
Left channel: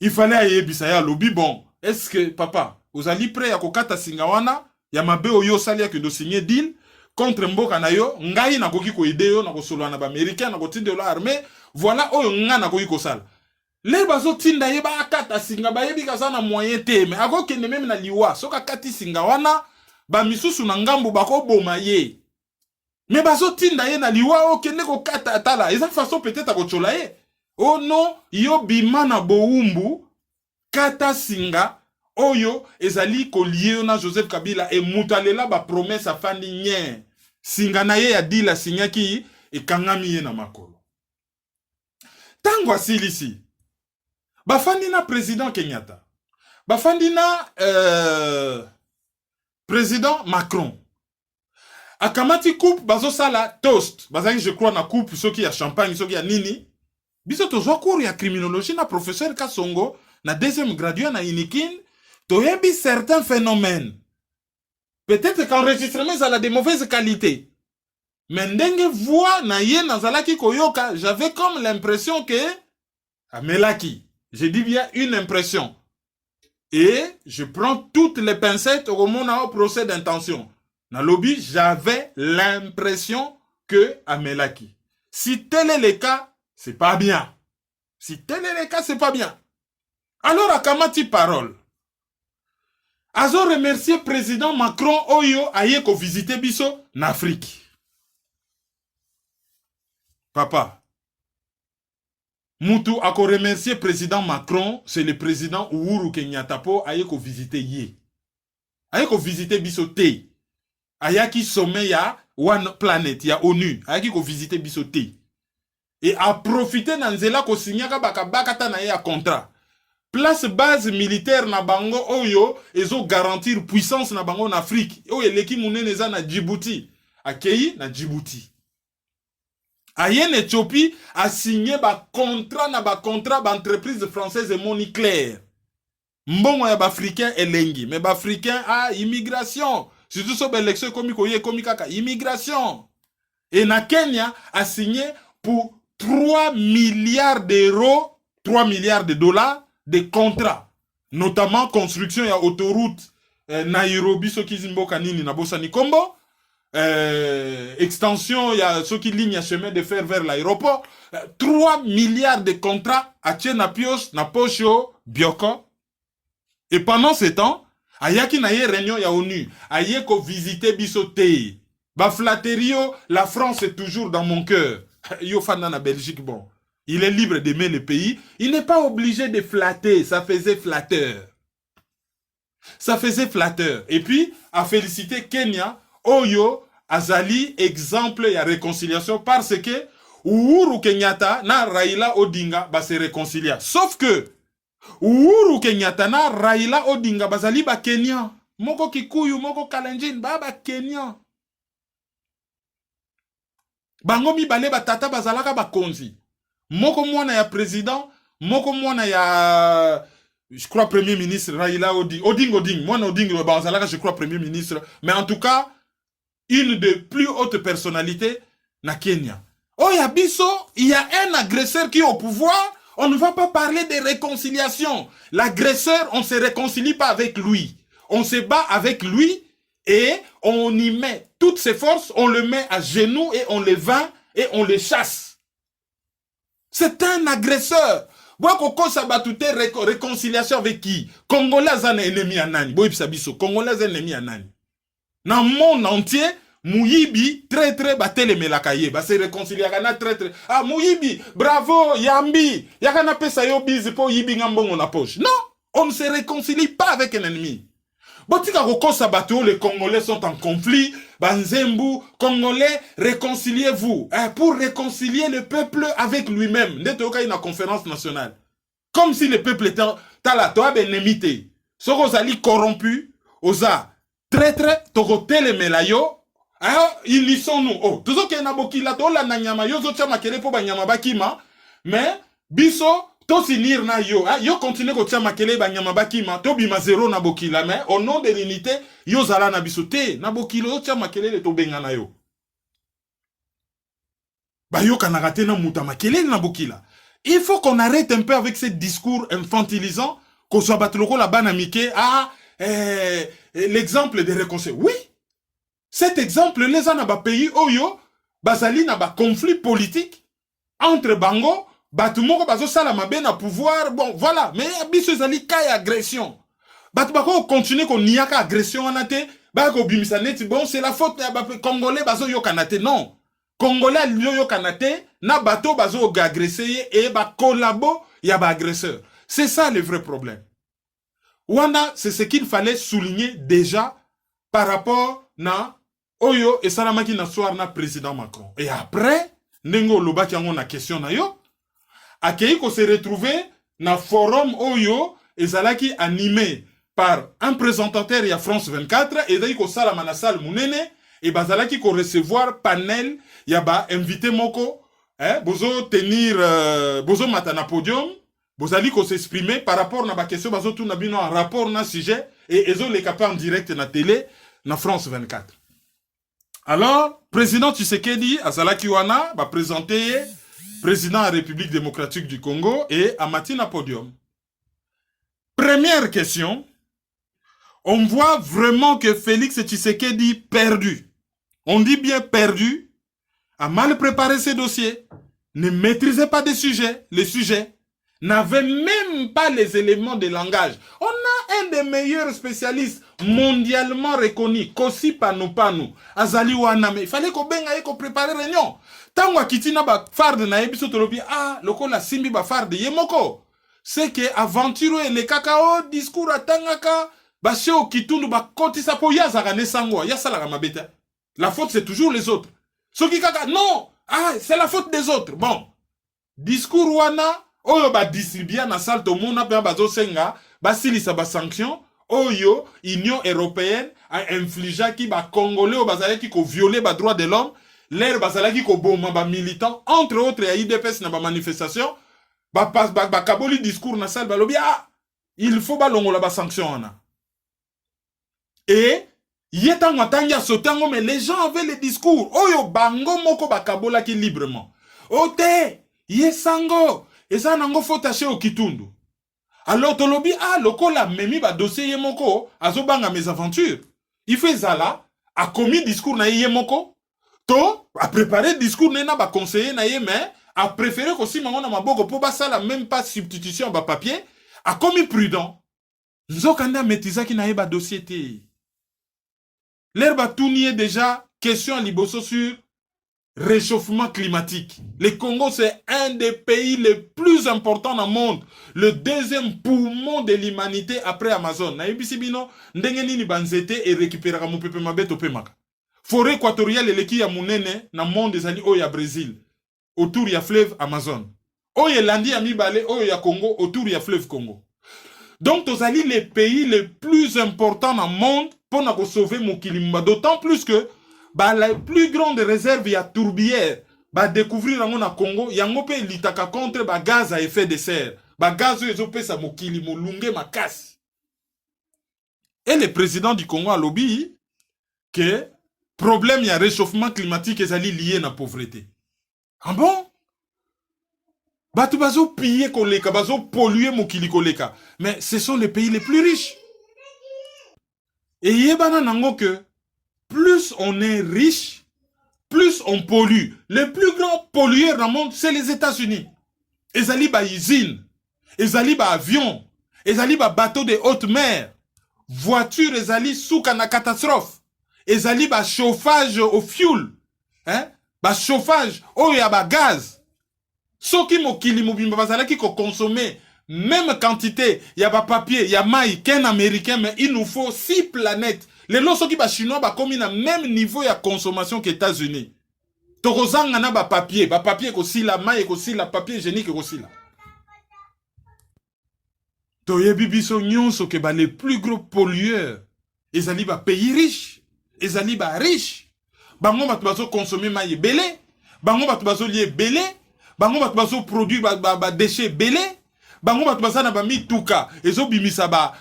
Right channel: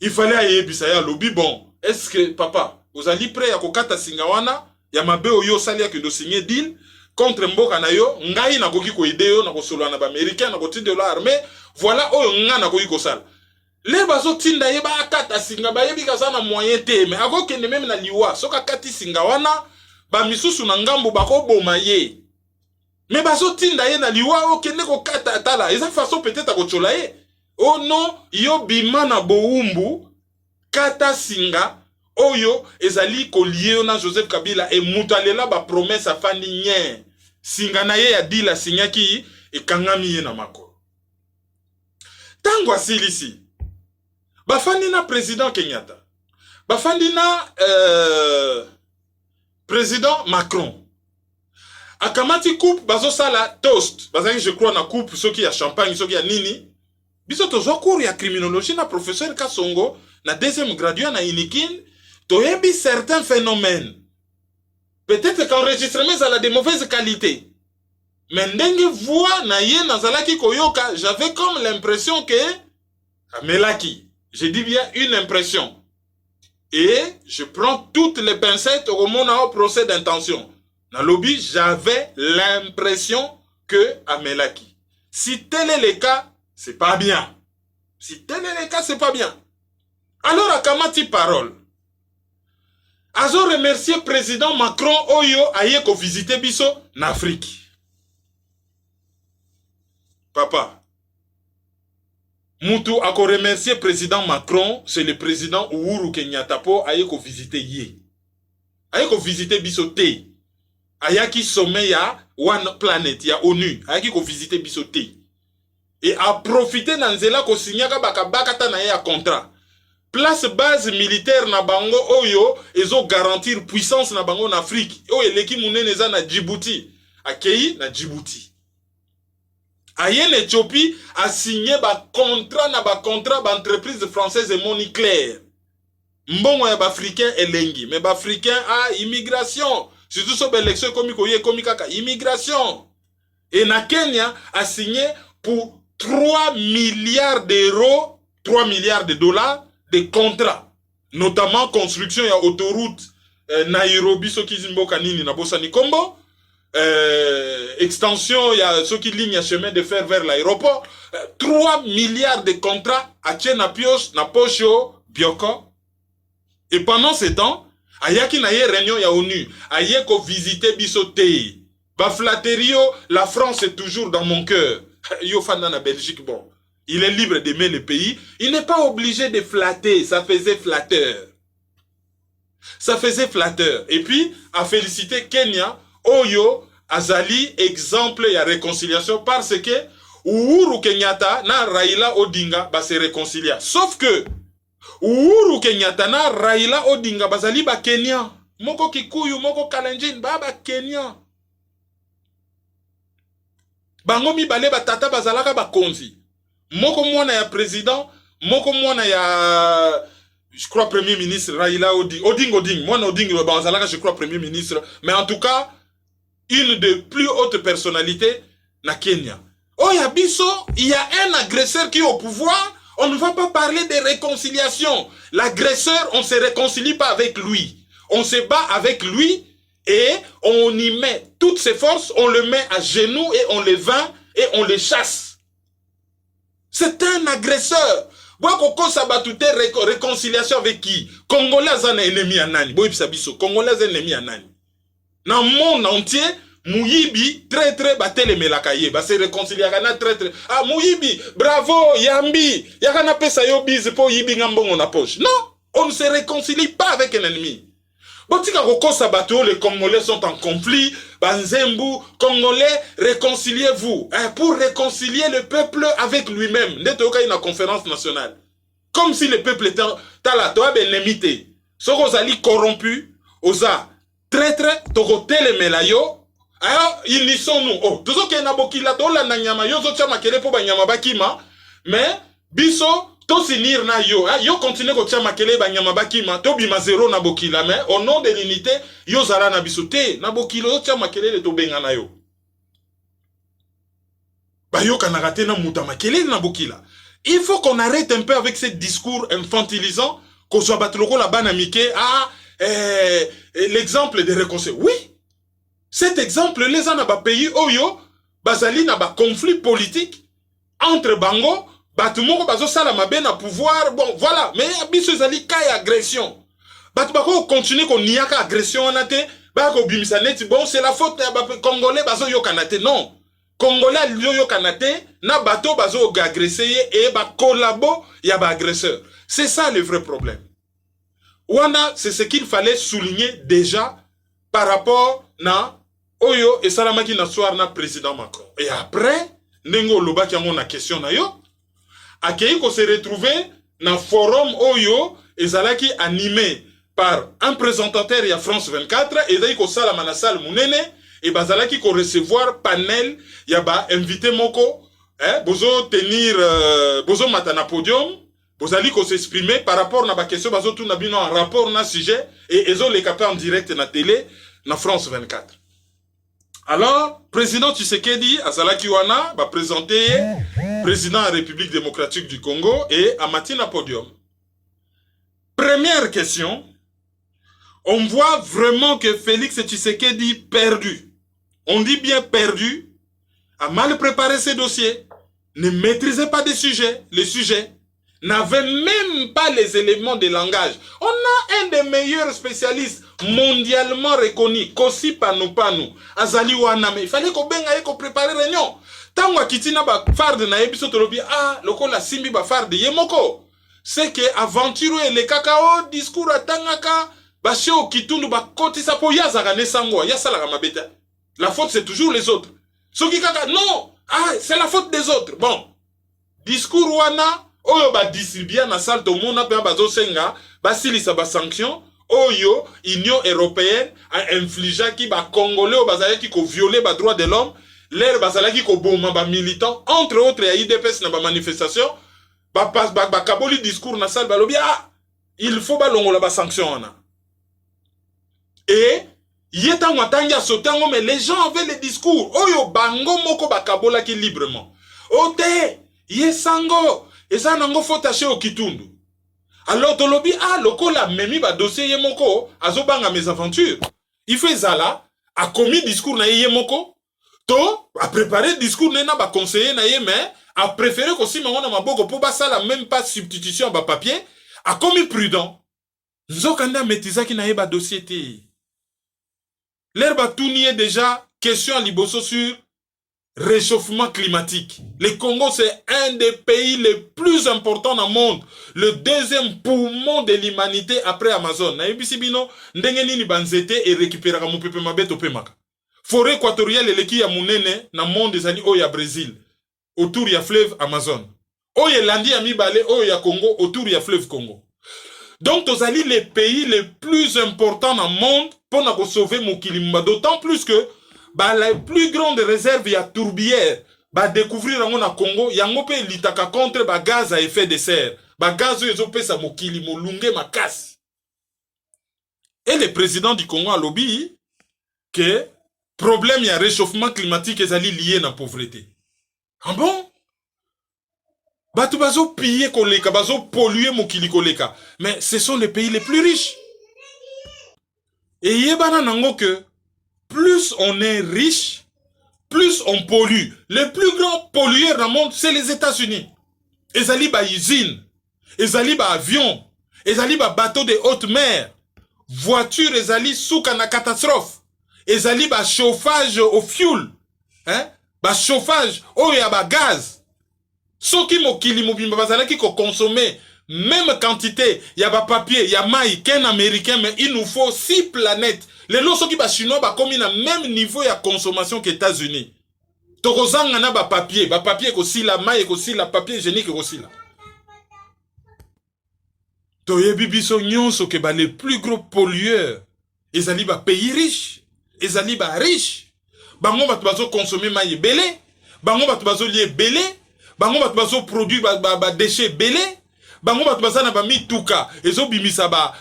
Il fallait ayebisa ya lobby bon. Est-ce que papa, vous allez prêt à kokata singawana ya mabe oyo salia que de signer deal contre mboka na yo ngai na koki ko ideo na ko solo na ba américain na ko tinde la armée voilà oyo nga na koki ko sala. Les bazo tinda ye ba akata singa ba yebi ka sana moyen te mais ako kende même na liwa soka kati singawana ba misusu na ngambo bako boma ye. Mais bazo tinda ye na liwa o kende ko kata tala eza façon peut-être ko chola ye. Oh non, yo bima na boumbu kata singa oyo ezali kolie na Joseph Kabila et mutalela ba promesse afandi nye singa na ye ya dila sinyaki e kangami ye na makolo. Tango asilisi bafandi na président Kenyatta bafandi na président Macron akamati coupe bazo sala toast bazaki je crois na coupe soki ya champagne soki ya nini. Biso tozo cours ya criminologie na professeur Kasongo na deuxième graduat na Inikin toyebi certains phénomènes. Peut-être qu'enregistrement ça a de mauvaise qualité. Mais ndenge voix na ye nazalaki koyoka, j'avais comme l'impression que amelaki. Je dis bien une impression. Et je prends toutes les pincettes au moment au procès d'intention. Na lobby, j'avais l'impression que amelaki. Si tel est le cas, c'est pas bien. Si tel est le cas, c'est pas bien. Alors, à Kamati parole. Azo remercier président Macron Oyo aye ko visiter biso en Afrique. Papa. Moutou a ko remercier président Macron, c'est le président Uhuru Kenyatta po aye ko visiter ye. Aye ko visiter biso te. Ayaki sommet ya One Planet ya ONU. Ayaki ko visiter biso te. Et a profité dans zela ko signaka baka ta na ya contrat. Place base militaire na bango oyo ezo garantir puissance na bango en Afrique. Oyo eleki munene eza na Djibouti. Akei na Djibouti. Ayen Éthiopie a signé ba contrat ba entreprise française et moniclaire. Mbongo ya ba africain elengi, mais ba africain a immigration. Surtout so élection komi kaka immigration. Et na Kenya a signé pour 3 milliards d'euros, 3 milliards de dollars de contrats, notamment construction ya autoroute Nairobi soki zimboka nini na Bosani Kombo, extension ya soki ligne ya chemin de fer vers l'aéroport, 3 milliards de contrats à na pios na pocho bioko. Et pendant ce temps, ayaki na ye réunion ya ONU, aye ko visiter biso te. Ba flatterio, la France est toujours dans mon cœur. Yo fana na Belgique bon. Il est libre d'aimer le pays. Il n'est pas obligé de flatter. Ça faisait flatteur. Ça faisait flatteur. Et puis, à féliciter Kenya, Oyo, Azali, exemple et à réconciliation parce que Uhuru Kenyatta na Raila Odinga ba se réconcilia. Sauf que Uhuru Kenyatta na Raila Odinga bazali ba Kenya. Moko Kikuyu, moko Kalenjin, ba Kenya. Bango mibale batata bazalaka bakonzi. Moko mwana ya président, moko mwana ya je crois Premier ministre Raila Oding, moi Oding, je crois Premier ministre, mais en tout cas, une des plus hautes personnalités na Kenya. Oh, il y a un agresseur qui est au pouvoir, on ne va pas parler de réconciliation. L'agresseur, on ne se réconcilie pas avec lui. On se bat avec lui et on y met toutes ses forces, on le met à genoux et on le vainc et on le chasse. C'est un agresseur. Réconciliation avec qui? Congolais sont ennemis à Nani. Congolais sont ennemis à Nani. Dans le monde entier, Mouyibi, très très batele melakaye. Bah c'est réconcilier très très. Ah Mouyibi, bravo, Yambi. Yakana pesa yo bise po yibi ngambongo na poche. Non, on ne se réconcilie pas avec un ennemi. Botika Roko Sabato, les Congolais sont en conflit. Banzembu, Congolais, réconciliez-vous. Pour réconcilier le peuple avec lui-même. Netoka une conférence nationale. Comme si le peuple était talato benemité. Sorozali corrompu, osa traître, tokotel melayo. Ah, ils y sont nous. Oh, tout ce qui est nabokila, to la nanyama, yo zo chama kele po banyama bakima. Mais, biso, to sinir na yo. Ah, yo continue ko chama kele banyama bakima, to bima zéro nabokila. Mais, au nom de l'unité, yo zala na biso te. Nabokila, yo chama kele le to benga na yo. Ba yo kanagate na mutama kele nabokila. Il faut qu'on arrête un peu avec ce discours infantilisant, qu'on soit batloko la banamike. Ah, l'exemple de réconciliation. Oui. Cet exemple, les gens dans pays oyo, bazali na ba conflit politique entre bango, batumoko bazo salama ben à pouvoir, bon voilà, mais biso zali kay agression. Batubako continue ko niaka agression anate, bako bimisa net, bon c'est la faute ya ba congolais bazo yo kanate non. Congolais yo kanate na bato bazo agresser et ba collabo ya ba agresseur. C'est ça le vrai problème. Wana, c'est ce qu'il fallait souligner déjà par rapport na Oyo et Salamaki na soir na président Macron. Et après, Nengo Loba qui a na question na yo, akei ko se retrouver na forum Oyo et Zalaki animé par un présentateur ya France 24 et Zalaki ko salama na salle munene et bazalaki ko recevoir panel ya ba invité moko, bozo tenir bozo matana podium, bozali ko s'exprimer par rapport na ba question bazo tout na bino en rapport na sujet et ezo le capé en direct na télé na France 24. Alors, président Tshisekedi, Azalaki Wana, va présenter président de la République démocratique du Congo et Amati na podium. Première question, on voit vraiment que Félix Tshisekedi perdu. On dit bien perdu, a mal préparé ses dossiers, ne maîtrisait pas les sujets, n'avait même pas les éléments de langage. On a un des meilleurs spécialistes mondialement reconnu, Kosi Panu, Azali Waname. Il fallait qu'on benga ko préparer réunion. Tangwa kitina ba farde na ebiso tolobi loko la simbi ba farde yemoko. C'est que aventure le cacao discours atangaka ba sheo kitundu ba koti sapo yazaka ne sango yasala ka mabeta. La faute c'est toujours les autres. Soki kaka non, c'est la faute des autres. Bon. Discours wana oyo ba distribuer na salle to mona pe ba zo senga ba silisa ba sanction. Oyo, Union européenne a infligé qui ba Congolais au bazalaki qui ko violer ba droit de l'homme, l'air bazalaki ko boma ba militant entre autres ya IDPS na ba manifestation, ba kaboli discours na salle ba lobi il faut ba longola ba sanction na. Et yetango atanga sotango mais les gens avaient les discours. Oyo bango moko ba kabola ki librement. Ote, yesango, esa nango fotache au kitundu. Alors, Tolobi, lokola memi ba dossier yemoko, azobanga mes aventures. Il fait zala, a commis discours na yemoko, to, a préparé discours na ba conseiller na ye, mais a préféré qu'aussi mangona maboko pour basala même pas substitution ba papier, a commis prudent. Nzokanda metizaki na ye ba dossier te. L'herbe tout nié déjà, question à liboso sur réchauffement climatique. Le Congo, c'est un des pays les plus importants dans le monde. Le deuxième poumon de l'humanité après Amazon. Na ibisibino, ndenge ni banzete et récupérer mon pepe mabeto pemaka. Forêt équatoriale et l'équipe ya munene na monde des années au ya Brésil. Autour ya fleuve Amazon. O ya landi ya mibale, o ya Congo, autour ya fleuve Congo. Donc, tozali les pays les plus importants dans le monde pour nous sauver mon kilimba. D'autant plus que la plus grande réserve, il y a tourbière. ba découvrir yango na Congo, yango pe litaka contre ba gaz à effet de serre. Ba gaz ezo pesa mokili molunge makasi. Et le président du Congo a lobby que problème y a réchauffement climatique ezali lié na pauvreté. Ah bon? Batu bazo piller koleka, bazo polluer mokili koleka. Mais ce sont les pays les plus riches. Et yebana nango que plus on est riche, plus on pollue. Le plus grand pollueur dans le monde, c'est les États-Unis. Ezali ba usine, ezali ba avion, ezali ba bateau de haute mer, voiture ezali souka na catastrophe, ezali ba chauffage au fuel, hein? Ba chauffage au ya ba gaz. Soki mokili mobimba bazalaki ko consommer même quantité, ya ba papier, ya maï, qu'un américain, mais il nous faut 6 planètes. Les lots qui ba chinois ba comme na même niveau ya consommation que États-Unis. Tokozanga na ba papier aussi la maï aussi la papier hygiénique aussi là. Toyebi biso nyonso ke ba les plus gros pollueurs, ezali ba pays riches, ezali ba riche. Bango ba bazo consommer maï belé, bango ba bazo lié belé, bango ba bazo produire ba déchets belé. Bango ba baza na ba mituka ezo bimisa ba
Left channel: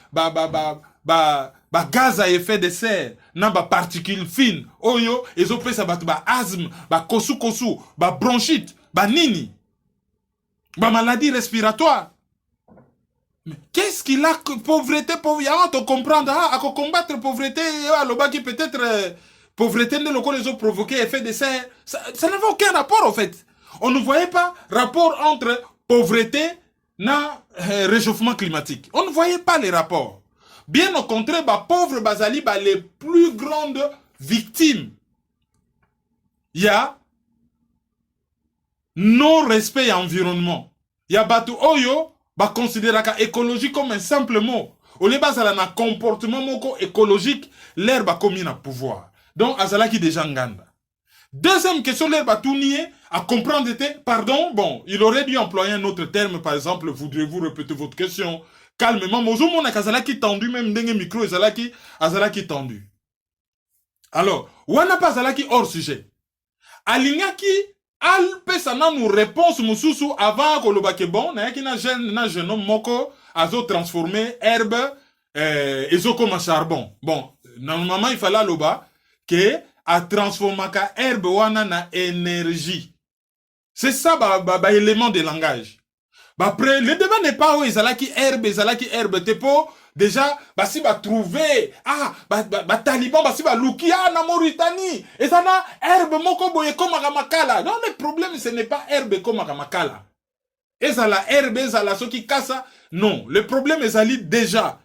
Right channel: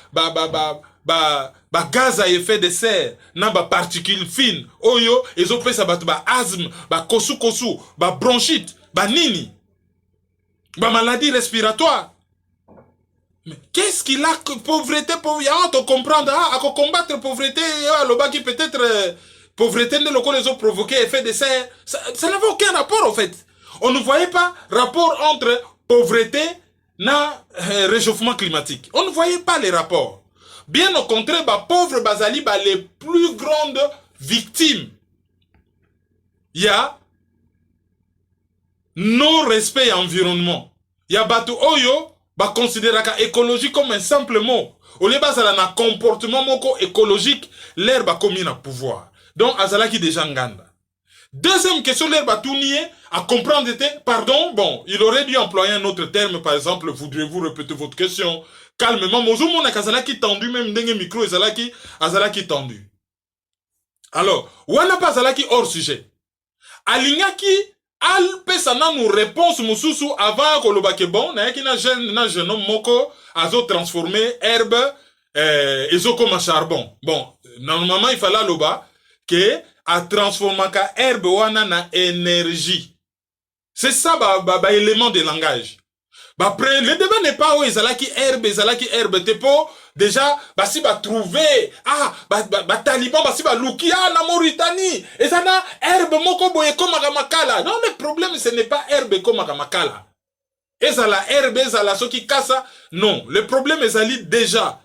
gaz à effet de serre na ba particules fines oyo ezo pesa ba asthme ba kosu ba bronchite ba nini ba maladie respiratoire. Mais qu'est-ce qu'il a que pauvreté on comprendre à combattre pauvreté aloba qui peut-être pauvreté de locaux les ont provoqué effet de serre, ça n'avait aucun rapport en fait. On ne voyait pas rapport entre pauvreté na réchauffement climatique. On ne voyait pas les rapports. Bien au contraire, les pauvres bazali les plus grandes victimes. Il y a non-respect environnement. Il y a batu oyo considérer l'écologie comme un simple mot. Au lieu bazala na comportement moko écologique, l'herbe a commis un pouvoir. Donc azala qui déjà nganda. Deuxième question, l'herbe a tout nié à comprendre, pardon, bon, il aurait dû employer un autre terme, par exemple, voudriez-vous répéter votre question calmement. Mozomo na kazala qui tendu, même dengue micro, azala qui tendu. Alors, wana pas azala qui hors sujet. Alinga qui al pesana nous réponse mususu avant koloba ke bon, na yaki na jeune homme moko azo transformer herbe ezo comme charbon. Bon, normalement il fallait loba que a transformer ka herbe wana na énergie. C'est ça élément de langage. Après le débat n'est pas où ezalaki herbe tepo déjà si trouver taliban si luki na Mauritanie et ça na herbe moko boye comme makala. Non, le problème ce n'est pas herbe comme makala. Et ça la herbe ezala soki kasa. Non, le problème ezali déjà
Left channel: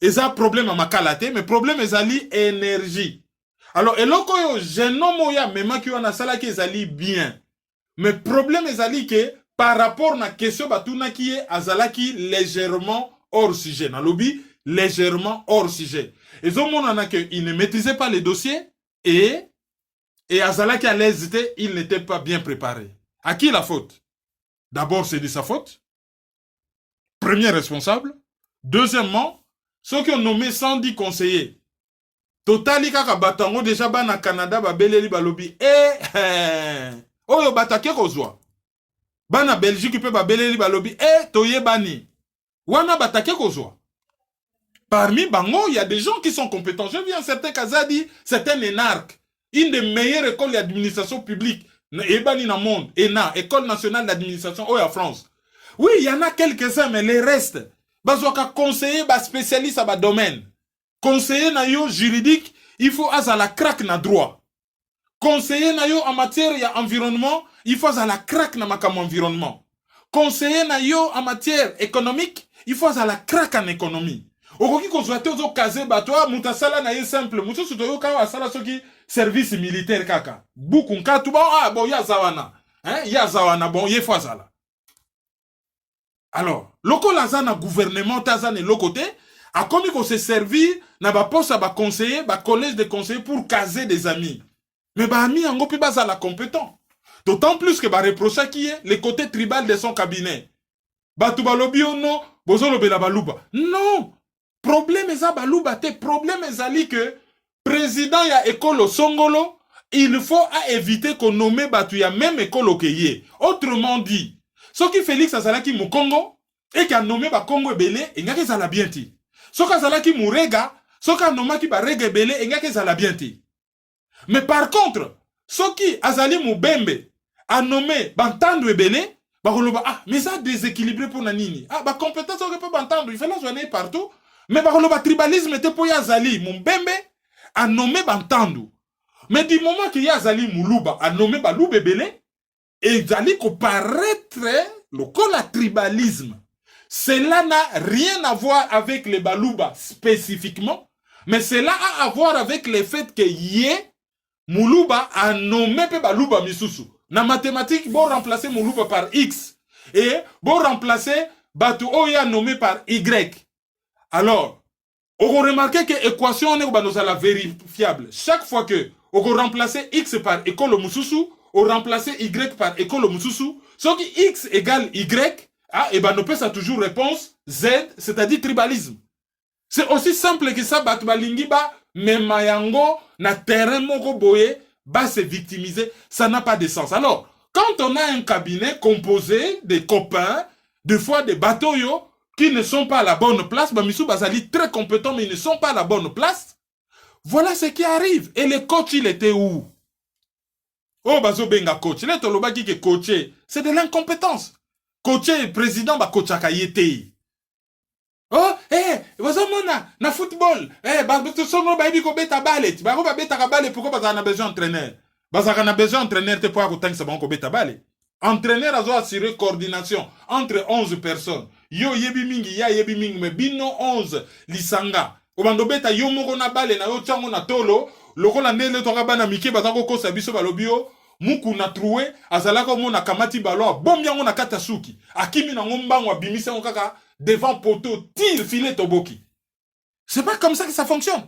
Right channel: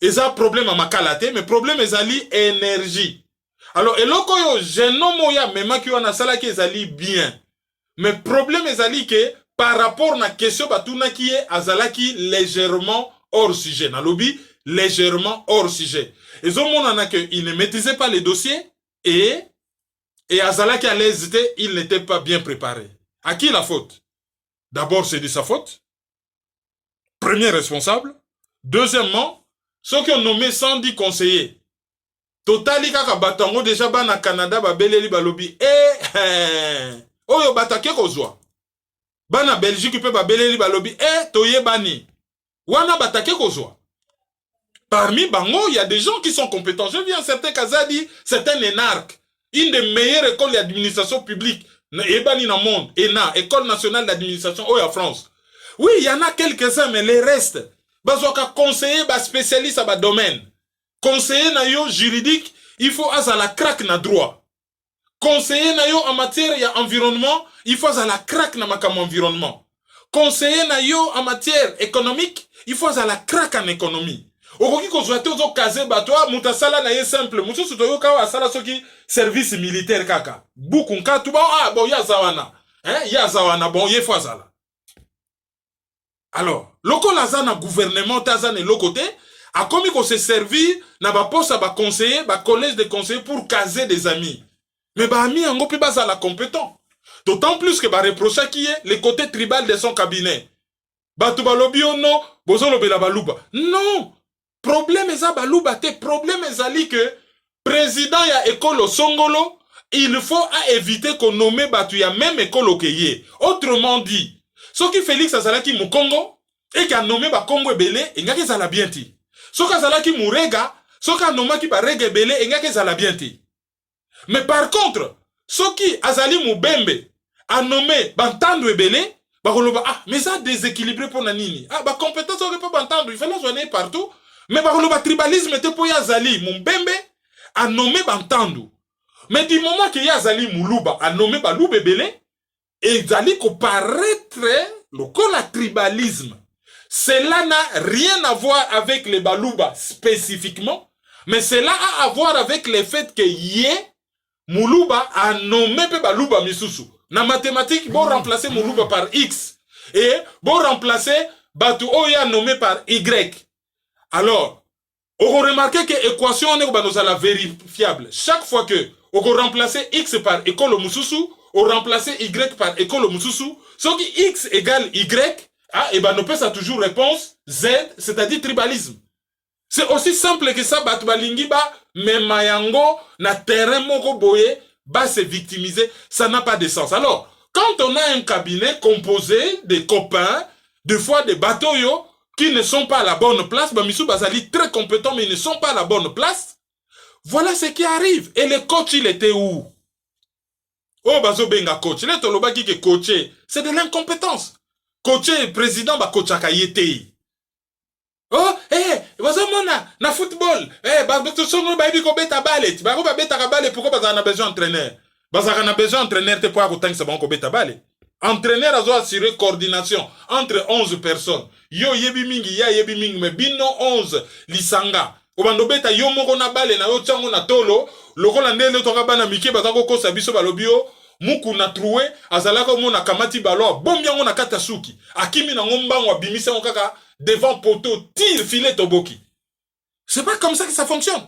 eza problème à makala te, mais problème ezali énergie. Alors, eloko yo genomo ya mema ki wana sala ki ezali bien. Mais problème ezali que par rapport na question batuna qui est azalaki légèrement hors sujet. Na lobby légèrement hors sujet. Et on que il ne maîtrisait pas les dossiers et azalaki à l'aise, il n'était pas bien préparé. À qui la faute? D'abord, c'est de sa faute. Premier responsable. Deuxièmement, ceux qui ont nommé 110 conseillers. Totali kaka batango déjà ba na Canada ba beleli ba lobby oyo batake kozwa ba na Belgique pe ba beleli ba lobby toye bani wana batake kozwa. Parmi bango il y a des gens qui sont compétents. Je viens certain Kazadi, c'est un énarque, une des meilleures écoles d'administration publique ebani na monde, ENA, École nationale d'administration en France. Oui, il y en a quelques-uns mais les restes bazoka conseiller ba spécialiste à ba domaine. Conseiller na yo juridique, il faut à la craque na droit. Conseiller na yo en matière ya environnement, il faut à la craque na makam environnement. Conseiller na yo en matière économique, il faut à la craque en économie. Okoki konsulter ozo kaze batwa mutasala na ye simple. Muso sutoyo ka asala soki service militaire kaka. Buku nka tuba bon ya zawana. Ya zawana bon ye faut azala. Alors, loko lazana gouvernement tazane lokote a commis qu'on se servir na ba poste ba conseiller, ba collège de conseillers pour caser des amis. Mais ba ami en gope basa la compétent. D'autant plus que ba reprocha qui est le côté tribal de son cabinet. Ba tu ba lobi non, bozo lobi la baluba. Non. Problème eza baluba te, problème ezali que président ya école songolo il faut éviter qu'on nomme Batuya même école au Kéye. Autrement dit, ce qui Félix Azalaki mu Congo, et qui a nommé ba Congo Ebele, et nga kezala bien ti. Ce qui Azalaki mu Rega, ce qui a nommé ki ba Rega Ebele, et nga kezala bien ti. Mais par contre, ce qui Azali mu Bembe, a nommé Bantandu Ebele, bah mais ça déséquilibré pour Nanini. Ah, bah compétence, on ne peut pas entendre, il fallait joindre partout. Mais bah tribalisme était pour Yazali, mon Bembe, a nommé Bantandu. Mais du moment que Yazali Moulouba a nommé Balou Ebele, et Zali qu'on paraîtrait le tribalisme. Cela n'a rien à voir avec les Balouba spécifiquement, mais cela a à voir avec le fait que Yé Moulouba a nommé Balouba Misusu. Dans mathématiques, bon remplacer Moulouba par X et bon remplacer Batu Oya nommé par Y. Alors, on remarque que l'équation est vérifiable. Chaque fois que on remplace X par école Mususu, on remplace Y par école Mususu, ce qui X égale Y, et ben on peut ça toujours réponse Z, c'est-à-dire tribalisme. C'est aussi simple que ça, Batbalingi ba Memayango na terrain moko boye ba se victimiser, ça n'a pas de sens. Alors, quand on a un cabinet composé de copains, des fois des bateaux qui ne sont pas à la bonne place, Bamisou Bazali très compétents mais ils ne sont pas à la bonne place, voilà ce qui arrive. Et le coach, il était où? Oh, Bazo Benga coach. Là, Toloba qui est coaché, c'est de l'incompétence. Coaché, président, ba coach akayete. Oh, Bazo Mona, na football. Bazo Sono, ba ibi ko beta balet. Bago ba beta kabale, pourquoi Bazo a besoin d'entraîneur? Bazo a besoin d'entraîneur, te quoi, autant que ça va ko beta balet. Entraîneur a assuré coordination entre 11 personnes. Yo yebi mingi, ya yebi mingi, mais bino 11 lisanga. Obando beta yo moko na bale na yo tsango na tolo, lokola ndele to bana mike bazako ko sabiso balobio, muku na troué, azalaka mona kamati balo, bombiango na kata suki. Akimi na ngombango abimisa kaka devant poteau, tire filet toboki. C'est pas comme ça que ça fonctionne.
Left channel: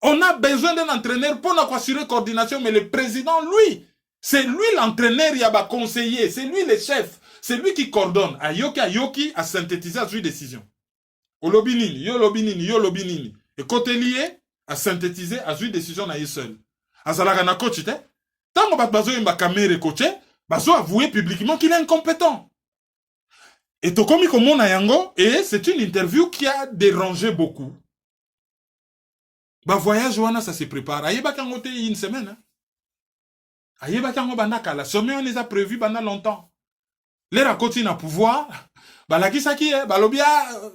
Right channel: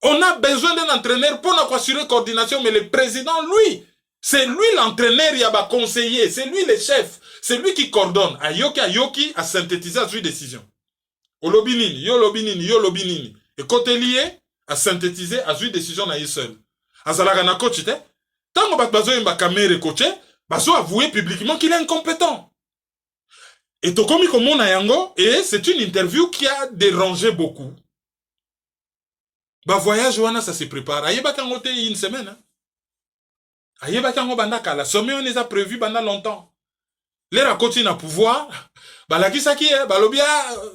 On a besoin d'un entraîneur pour assurer coordination, mais le président, lui, c'est lui l'entraîneur, il y a un conseiller, c'est lui le chef, c'est lui qui coordonne. Ayoki a synthétisé à une décision. Olobinini, yo lobinini. Et côté lié, a synthétisé à une décision à seul. Azalaga na coach, tant que bazo yemba kamere coaché, bazo avoué publiquement qu'il est incompétent. Et Tokomi Komo na yango, et c'est une interview qui a dérangé beaucoup. Bah voyage wana ça se prépare. Ayeba kangote une semaine. Hein? Ayeba kango bandaka la sommet on les a prévu pendant longtemps. Les racontés na pouvoir. Bah la kisaki balobia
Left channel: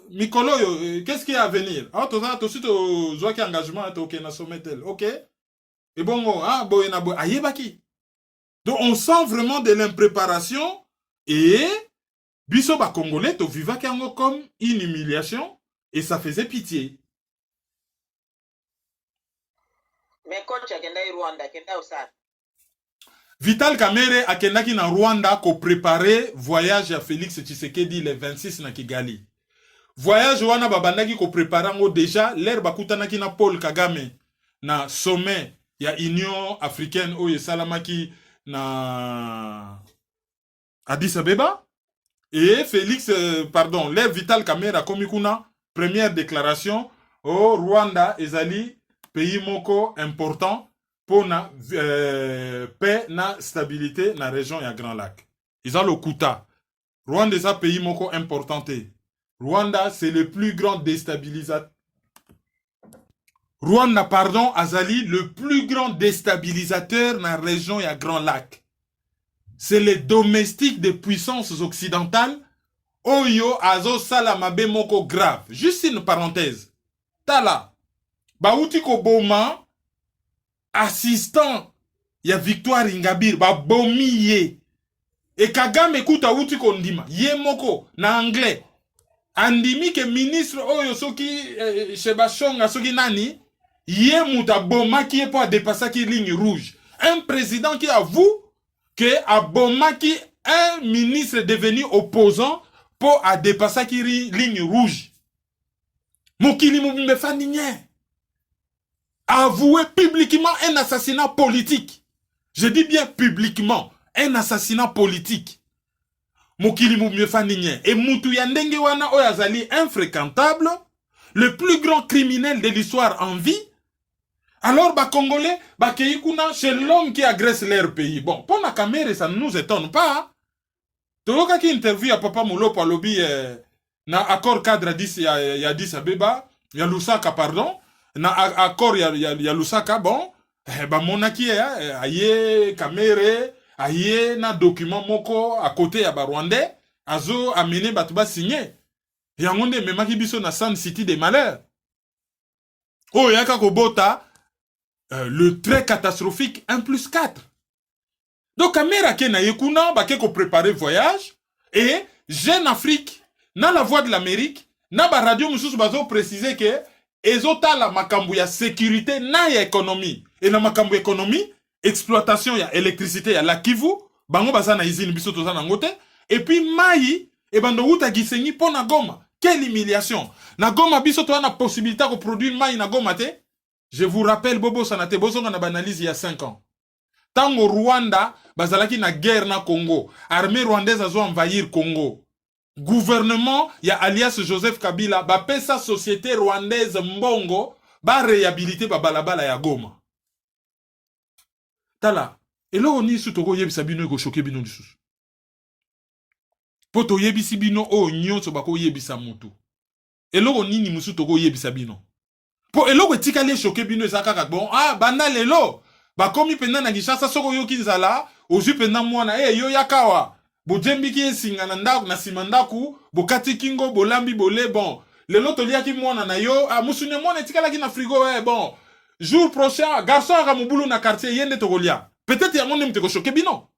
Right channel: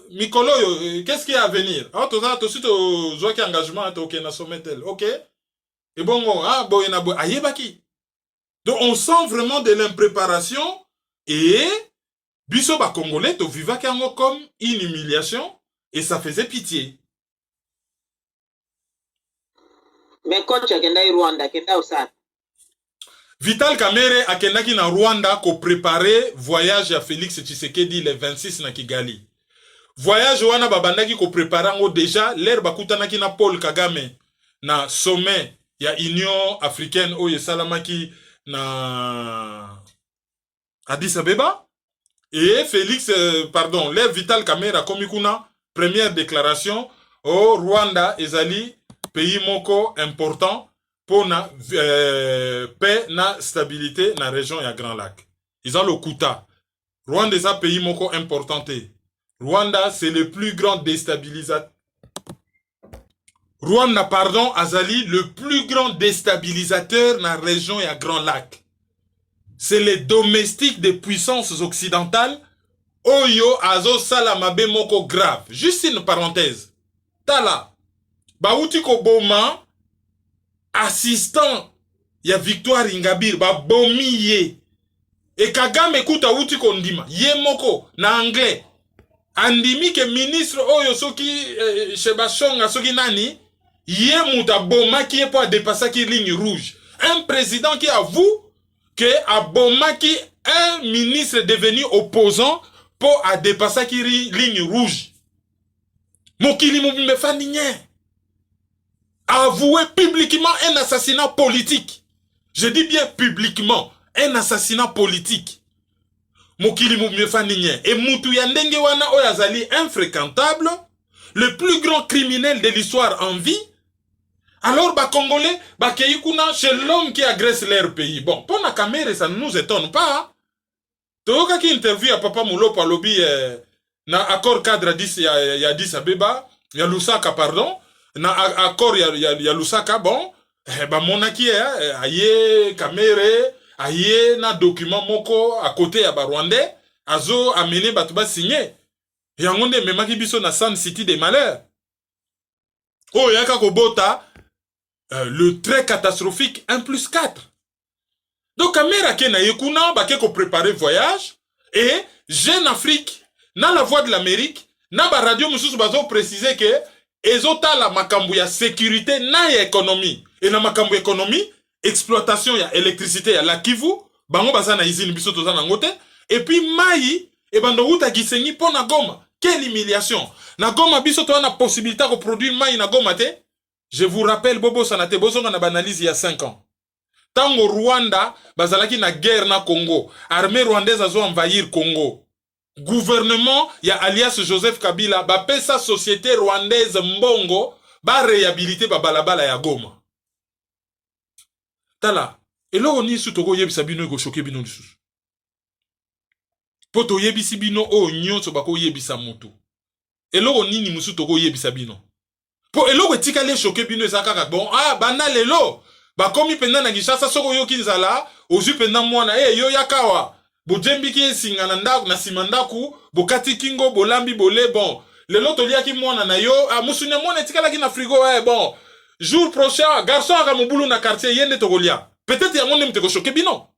mikolo qu'est-ce qui est à venir? Ah to ça tout de suite zo ki engagement to ke na sommet tel. OK? Et bon boyena bo ayeba ki. Donc on sent vraiment de l'impréparation et biso ba congolais to viva kango comme une humiliation et ça faisait pitié. Mais coach akenda Rwanda kenda osana. Vital Kamerhe akendaki na Rwanda ko préparer voyage à Félix Tshisekedi le 26 na Kigali. Voyage wana babandaki ko préparer ngo déjà l'air bakutanaki na Paul Kagame na sommet ya Union africaine oyo salamaki na Addis Abeba et Félix l'air Vital Kamerhe a komi kuna première déclaration au Rwanda ezali pays moko important pour la paix na stabilité dans la région et Grand Lac. Ils ont le Kuta. Rwanda est un pays moko important. Rwanda, c'est le plus grand déstabilisateur. Rwanda, pardon, Azali, le plus grand déstabilisateur dans la région et Grand Lac. C'est les domestiques des puissances occidentales. Oyo azo salamabe moko grave. Juste une parenthèse. Tala. Baouti ko boma. Assistant ya Victoire Ingabire ba bomi ye et Kagame kuta uti kondima ye moko na anglais andimi ke ministre oyo soki Shebashonga soki nani ye muta boma qui est pour dépasser qui ligne rouge, un président qui avoue que a boma qui un ministre devenu opposant pour a dépasser qui ligne rouge mokili mobimbe faninye avoué publiquement un assassinat politique. Je dis bien publiquement, un assassinat politique. Mokili Moumiefaninye. Et Moutou Yandenge Wana Oyazali infréquentable, le plus grand criminel de l'histoire en vie, Alors, bah, Congolais, bah, c'est l'homme qui agresse leur pays. Bon, pour la caméra, ça ne nous étonne pas. Toka qui interview à Papa Moulo par lobby, na accord cadre il y a 10 à Beba, il y a Lusaka, pardon, na accord il y a Lusaka, bon, bah, mon aki, aye, caméra, aye, na document moko, à côté, à Rwandais, azo, amené, batuba signé. Yangonde, même qui biso na San City des malheurs. Oh, yaka kobota, le trait catastrophique 1+4. Donc, caméra qui na yekuna, bah, qui préparer voyage, et Jeune Afrique, na la voix de l'Amérique, na ba radio mususu bazo préciser que, ezota la makambu ya sécurité na ya économie. Et na makambu économie, exploitation ya électricité ya la Kivu, bango baza na izini biso toza na ngote, et puis mai, et bando uta gisengi po na Goma. Quelle humiliation. Na Goma biso toza na possibilité de produire mai na Goma te. Je vous rappelle, Bobo Sanate, Bozonga na banalise il y a 5 ans. Tango Rwanda, bazalaki na guerre na Congo. Armée rwandaise a envahir Congo. Gouvernement, ya alias Joseph Kabila, ba pesa société rwandaise mbongo, ba réhabilité ba balabala ya Goma. Tala, elo oni su togo yebisa bino ego choke bino lisusu. Poto yebisi bino o nyonso bako yebisa moto. Elo oni ni musu togo yebisa bino. Po elo etikali choke bino ezaka bon, ah bana lelo. Ba komi penda na Gishasa soko yo kinzala, ozu penda mwana yo yakawa. Bo jembi ki singa na ndaku na simandaku, bo kati kingo bo lambi bo le bon. Lelo to liaki mwana na yo, ah musunya mwana etikala ki na frigo bon. Jour prochain, garçon aka mobulu na quartier yende to golia. Peut-être yango nem te ko choquer bino.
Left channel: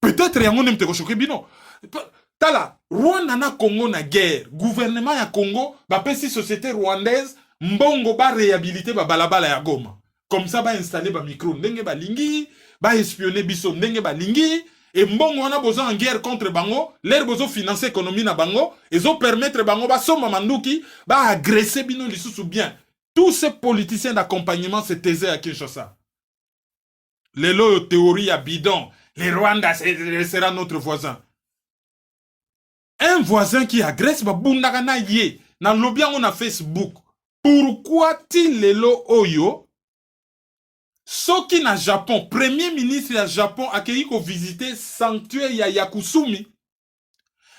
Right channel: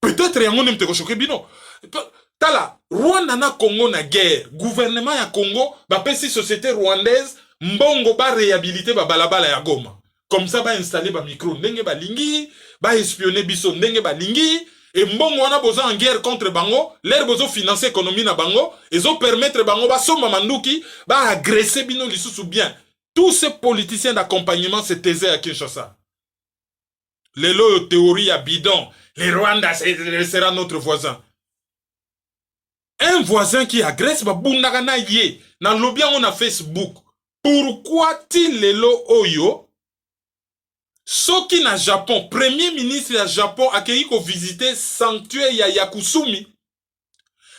Peut-être yango nem te ko choquer bino. Tala, Rwanda na Congo na guerre, gouvernement ya Congo ba pesi société rwandaise mbongo ba réhabiliter ba balabala ya Goma. Comme ça, ba installer ba micro ndenge ba lingi, ba espionner biso ndenge ba lingi, et mbongo wana boza en guerre contre bango, l'air bozo financer économie na bango, et zo permettre bango ba somba manduki, ba agresser bino lisusu bien. Tous ces politiciens d'accompagnement se taisaient à Kinshasa. Les lots théorie à bidon, les Rwandais sera notre voisin. Un voisin qui agresse, ba bundagana ye, na lobby on a Facebook. Pourquoi il les lots oyo? Soki na Japon, premier ministre du Japon a ko visiter sanctuaire ya Yakusumi.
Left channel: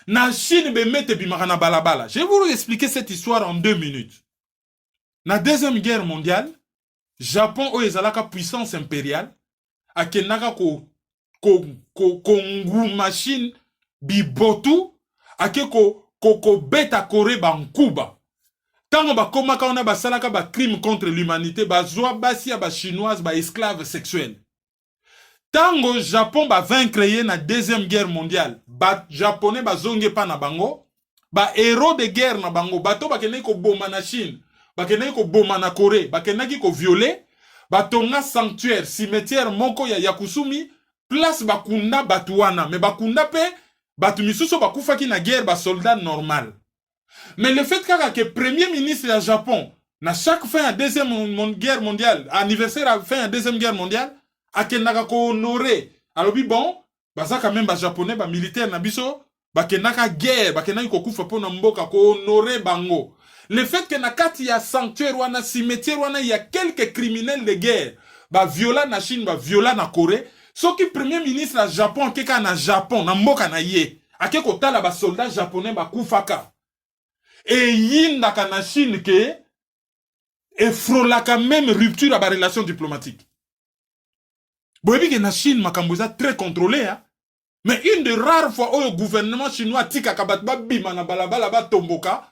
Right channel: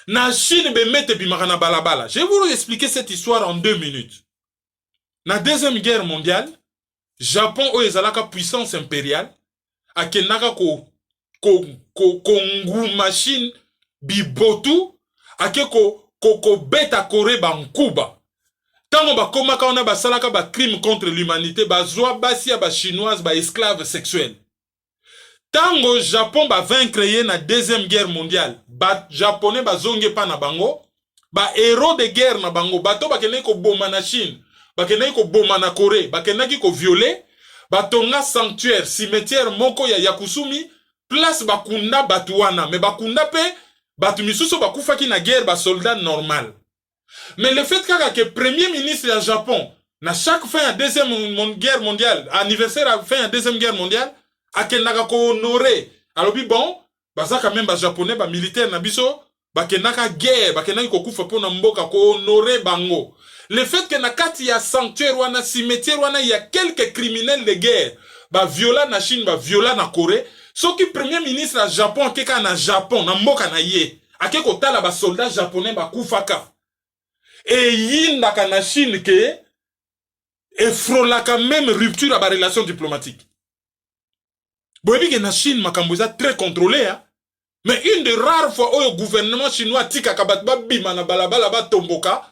Na Chine be mette bimaka balabala. Je vais vous expliquer cette histoire en 2 minutes. Na deuxième guerre mondiale, Japon o ezalaka puissance impériale a kenaka ko machine bibotu a ko beta Corée ban Cuba. Tango ba komaka ona ba salaka ba crime contre l'humanité, ba zoa basi ya ba chinoise ba esclave sexuel. Tango Japon ba vaincre na deuxième guerre mondiale, ba japonais ba zonge pa na bango, ba héros de guerre na bango, bato ba keneki ko boma na Chine, ba keneki ko boma na Corée, ba keneki ko violer, ba tonga sanctuaire, cimetière moko ya Yakusumi, place ba kunda batuana, mais ba kunda pe batu misuso ba kufaki na guerre ba soldat normal. Mais le fait que le premier ministre du Japon, na chaque fin de deuxième guerre mondiale, anniversaire à fin de deuxième guerre mondiale, a kenaka ko honoré. Alors bon, ça quand même ba japonais ba militaire na biso, ba kenaka guerre, ba kenaka ko kufa pona mboka ko honoré bango. Le fait que na kati ya sanctuaire wana cimetière wana il y a quelques criminels de guerre, ba viola na Chine, ba viola na Corée, ce qui premier ministre du Japon keka na Japon na mboka na ye, akeko tala ba soldats japonais ba kufaka. Et yindaka na Chine ke et frôlaka même rupture à la relation diplomatique. Boyebi que na Chine makambo za très contrôlé hein. Mais une des rares fois où le gouvernement chinois tika kabatba bima na balabala ba tomboka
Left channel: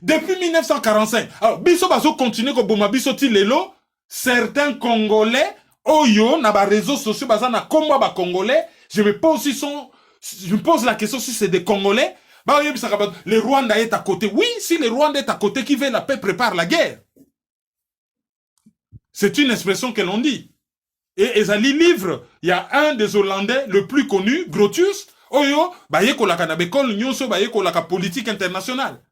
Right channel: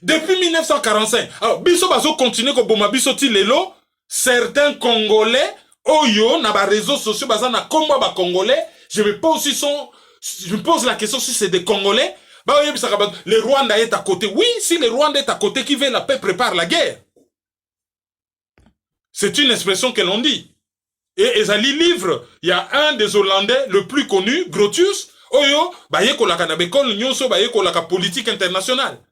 depuis 1945. Alors biso bazo continuer ko boma biso ti lelo certains Congolais oyo na ba réseaux sociaux baza na komba ba Congolais, je me pose la question si c'est des Congolais. Le Rwanda est à côté. Oui, si le Rwanda est à côté, qui veut la paix prépare la guerre. C'est une expression que l'on dit. Et Ezali livre, il y a un des Hollandais le plus connu, Grotius, oyo, bayeko la kanabekol nyonso, bayeko la politique internationale.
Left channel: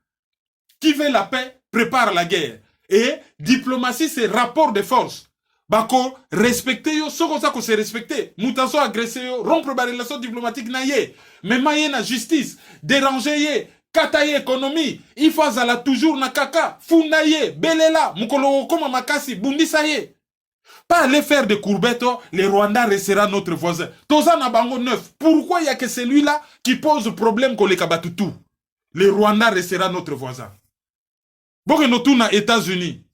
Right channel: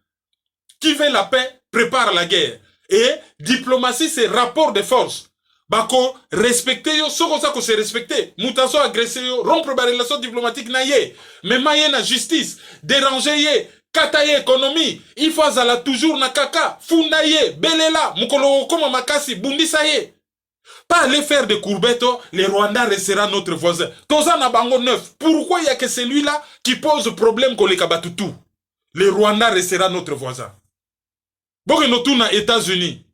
Qui veut la paix prépare la guerre. Et diplomatie, c'est rapport de force. Bako respecter yo, soko sa ko se respecter. Mutaso agresser yo, rompre ba relation diplomatique na ye. Mais maye na justice, déranger ye. kataye économie, il faut azala toujours na kaka, fundaye, belela, mukolo koma makasi, bundisaye. Pas aller faire des courbettes, les Rwandais restera notre voisin. Toza na bango neuf. Pourquoi il y a que celui-là qui pose problème qu'on les kabatutu? Les Rwandais restera notre voisin. Bon, nous tournons aux États-Unis.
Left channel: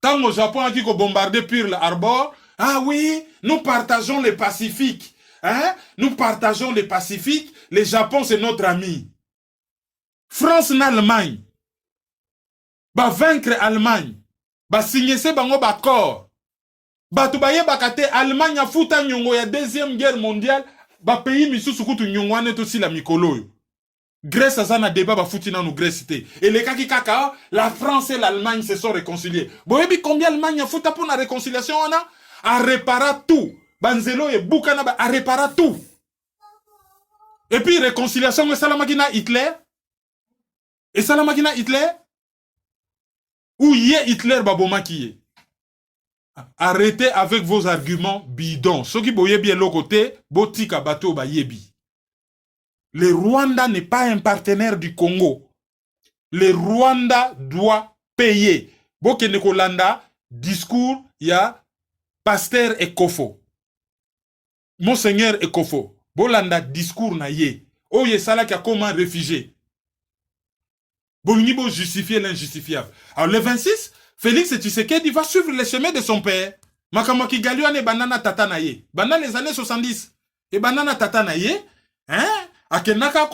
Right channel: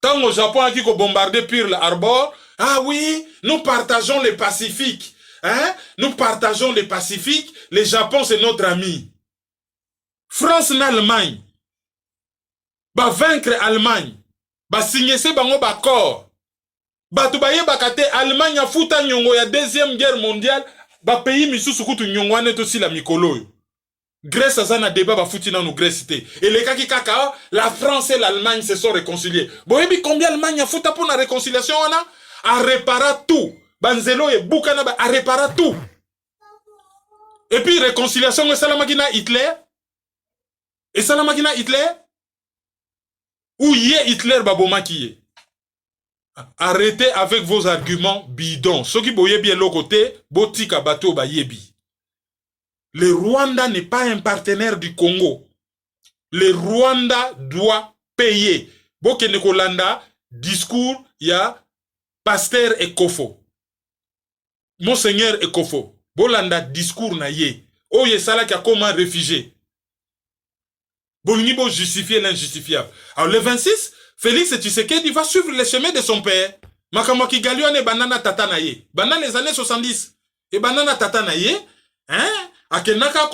Tant au Japon a qui bombardé Pearl Harbor, ah oui, nous partageons les Pacifiques. Hein? Nous partageons les Pacifiques. Le Japon, c'est notre ami. France et Allemagne. Va vaincre Allemagne. Ba signer ce bango d'accord. Ba tubaye bakate Allemagne a futa nyongo ya deuxième guerre mondiale. Ba pays misusu kutu nyongo ane to si la mikolo. Grèce a zana débat ba futi na nou Grèce té. Et les kaki kaka, la France et l'Allemagne se sont réconciliés. Boyebi combien Allemagne a futa pour la réconciliation wana? A réparer tout. Banzelo et Boukana a réparer tout. Et puis réconciliation et Salamakina Hitler. Et Salamakina Hitler. Où y est Hitler baboma qui est? Arrêtez avec vos arguments bidons. Ceux qui boye bien l'autre côté, botika bateau ba yebi. Le Rwanda n'est pas un partenaire du Congo. Le Rwanda doit payer. Bokene Kolanda, discours, il y a Pasteur Ekofo. Monseigneur Ekofo. Bolanda, discours na ye. Oye sala qui a comme un réfugié. Bolnibo justifier l'injustifiable. Alors le 26, Félix Tshisekedi va suivre les chemins de son père. Makamaki Galione banana tatanaye. Banana les années 70. Et banana tatanaye, hein? Akenaka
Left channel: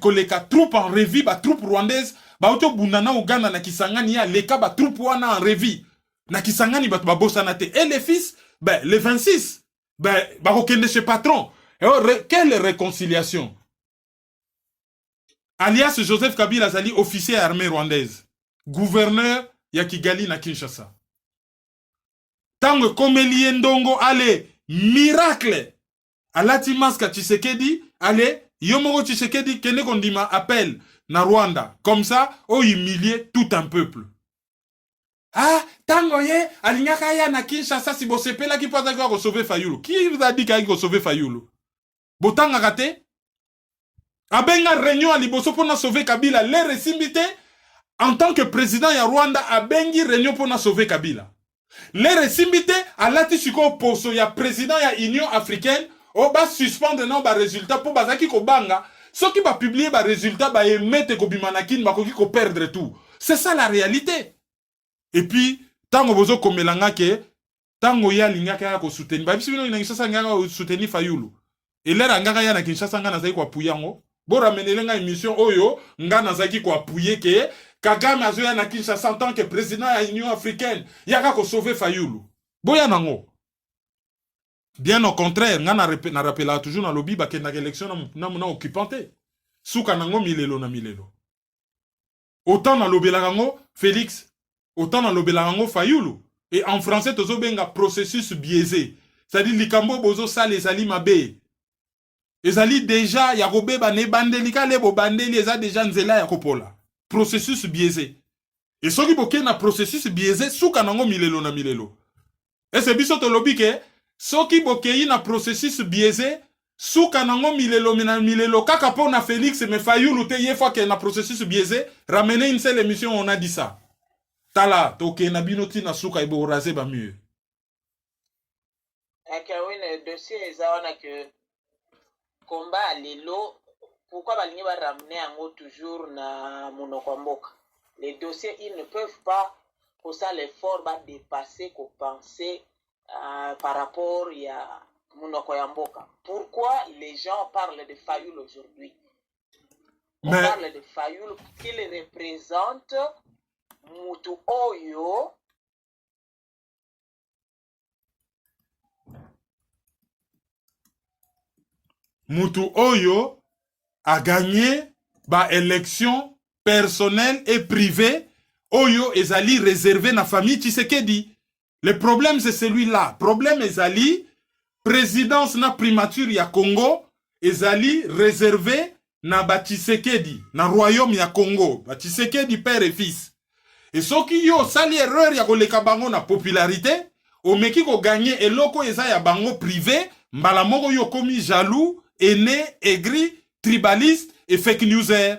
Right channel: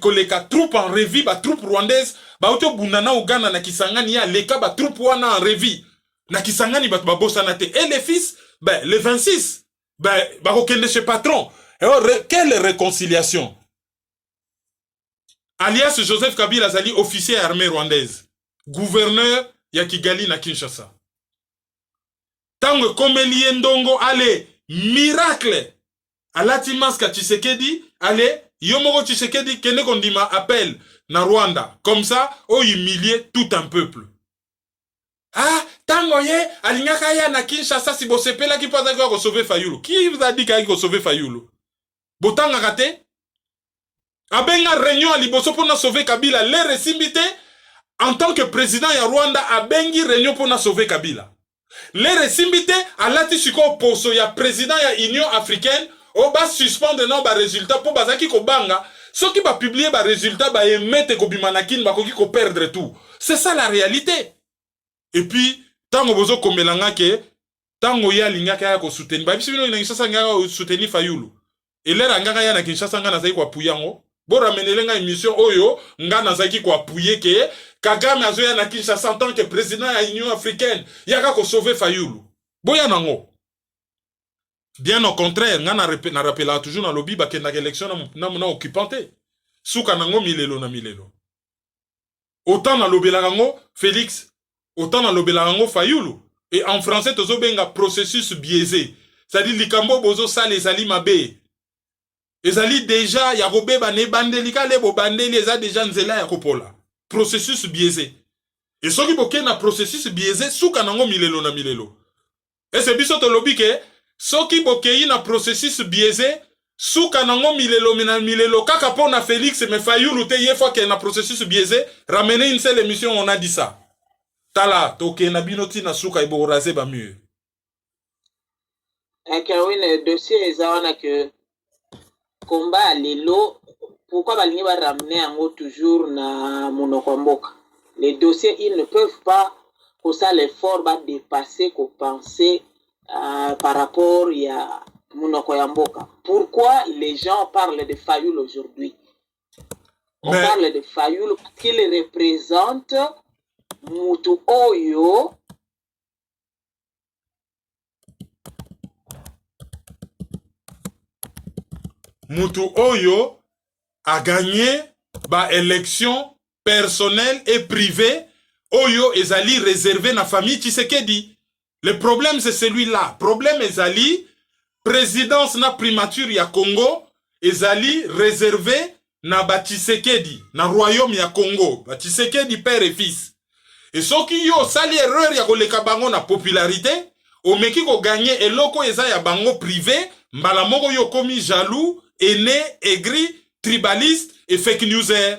koleka troupe en revue, ba troupe rwandaise, ba auto bunana au Ghana na Kisangani ya leka ba troupe wana en revue. Na Kisangani ba bosanate. Et les fils, ben le 26, ben ba okende chez patron. Alors quelle réconciliation? Alias Joseph Kabila Zali, officier armée rwandaise, gouverneur ya Kigali na Kinshasa. Tango Komeli Ndongo, allez, miracle. Alati Maska Tshisekedi, allez, Yomoro Tshisekedi, Kene Kondima appelle na Rwanda. Comme ça, humilier tout un peuple. Ah, tango ye, alingaka ya na Kinshasa si bosepela ki pasa kwa sauver Fayulu. Qui vous a dit qu'il faut sauver Fayulu? Botanga kate? Abenga réunion à Liboso pour sauver Kabila. Les récimbité, en tant que président ya Rwanda, abengi réunion pour sauver Kabila. Les récimbité, à l'atishiko poso ya président ya Union africaine, on va suspendre nos résultats pour bazaki ko banga. Ceux qui va publier les résultats, va émettre ko bimanakin, va ko perdre tout. C'est ça la réalité. Et puis, tango bozo komelanga ke, tango ya lingaka ya ko soutenir. Ba bisino ina Kinshasa nga ko soutenir Fayulu. Et l'air angaka ya na Kinshasa nga na zai ko puyango. Bo ramenelenga émission oyo nga nazaki ko appuyer ke Kagame azoya na Kinshasa en tant que président de l'Union africaine yaka ko sauver Fayulu. Boya nango. Bien au contraire, nga na rappela toujours na lobby ba kenda élection na occupante. Suka nango milelo na milelo. Autant na lobela nango Félix, autant na lobela nango Fayulu. Et en français tozo benga processus biaisé. C'est-à-dire likambo bozo sale ezali mabe. Ezali déjà yakobe bane bandelika lebo bandeli eza déjà nzela yakopola. Processus biaisé. Et soki boke na processus biaisé suka nango milelo na milelo. Et c'est biso to lobby ke soki boke na processus biaisé suka nango milelo na milelo kaka pona Félix me Fayulu te ye fois que na processus biaisé ramener une seule émission on a dit ça. Tala toke na binoti na suka ibo raser ba mieux. Oui, le dossier est là que combat lelo pourquoi balingi va ramener en toujours na monokomboka. Les dossiers ils ne peuvent pas pour ça l'effort va dépasser qu'on penser par rapport à monokoyamboka. Pourquoi les gens parlent de Fayulu aujourd'hui? On parle de Fayulu parce qu'il représente Mutu Oyo. Mutu Oyo a gagné ba élection personnelle et privée. Oyo ezali réservé na famille Tshisekedi. Le problème c'est celui-là. Problème ezali présidence na primature ya Congo ezali réservé na ba Tshisekedi, na royaume ya Congo, ba Tshisekedi père et fils. Et ceux qui yo sali erreur ya koleka bango na popularité, o meki ko gagner eloko eza ya bango privé, mbala moko yo komi jaloux, aîné, aigri, tribaliste et fake newser.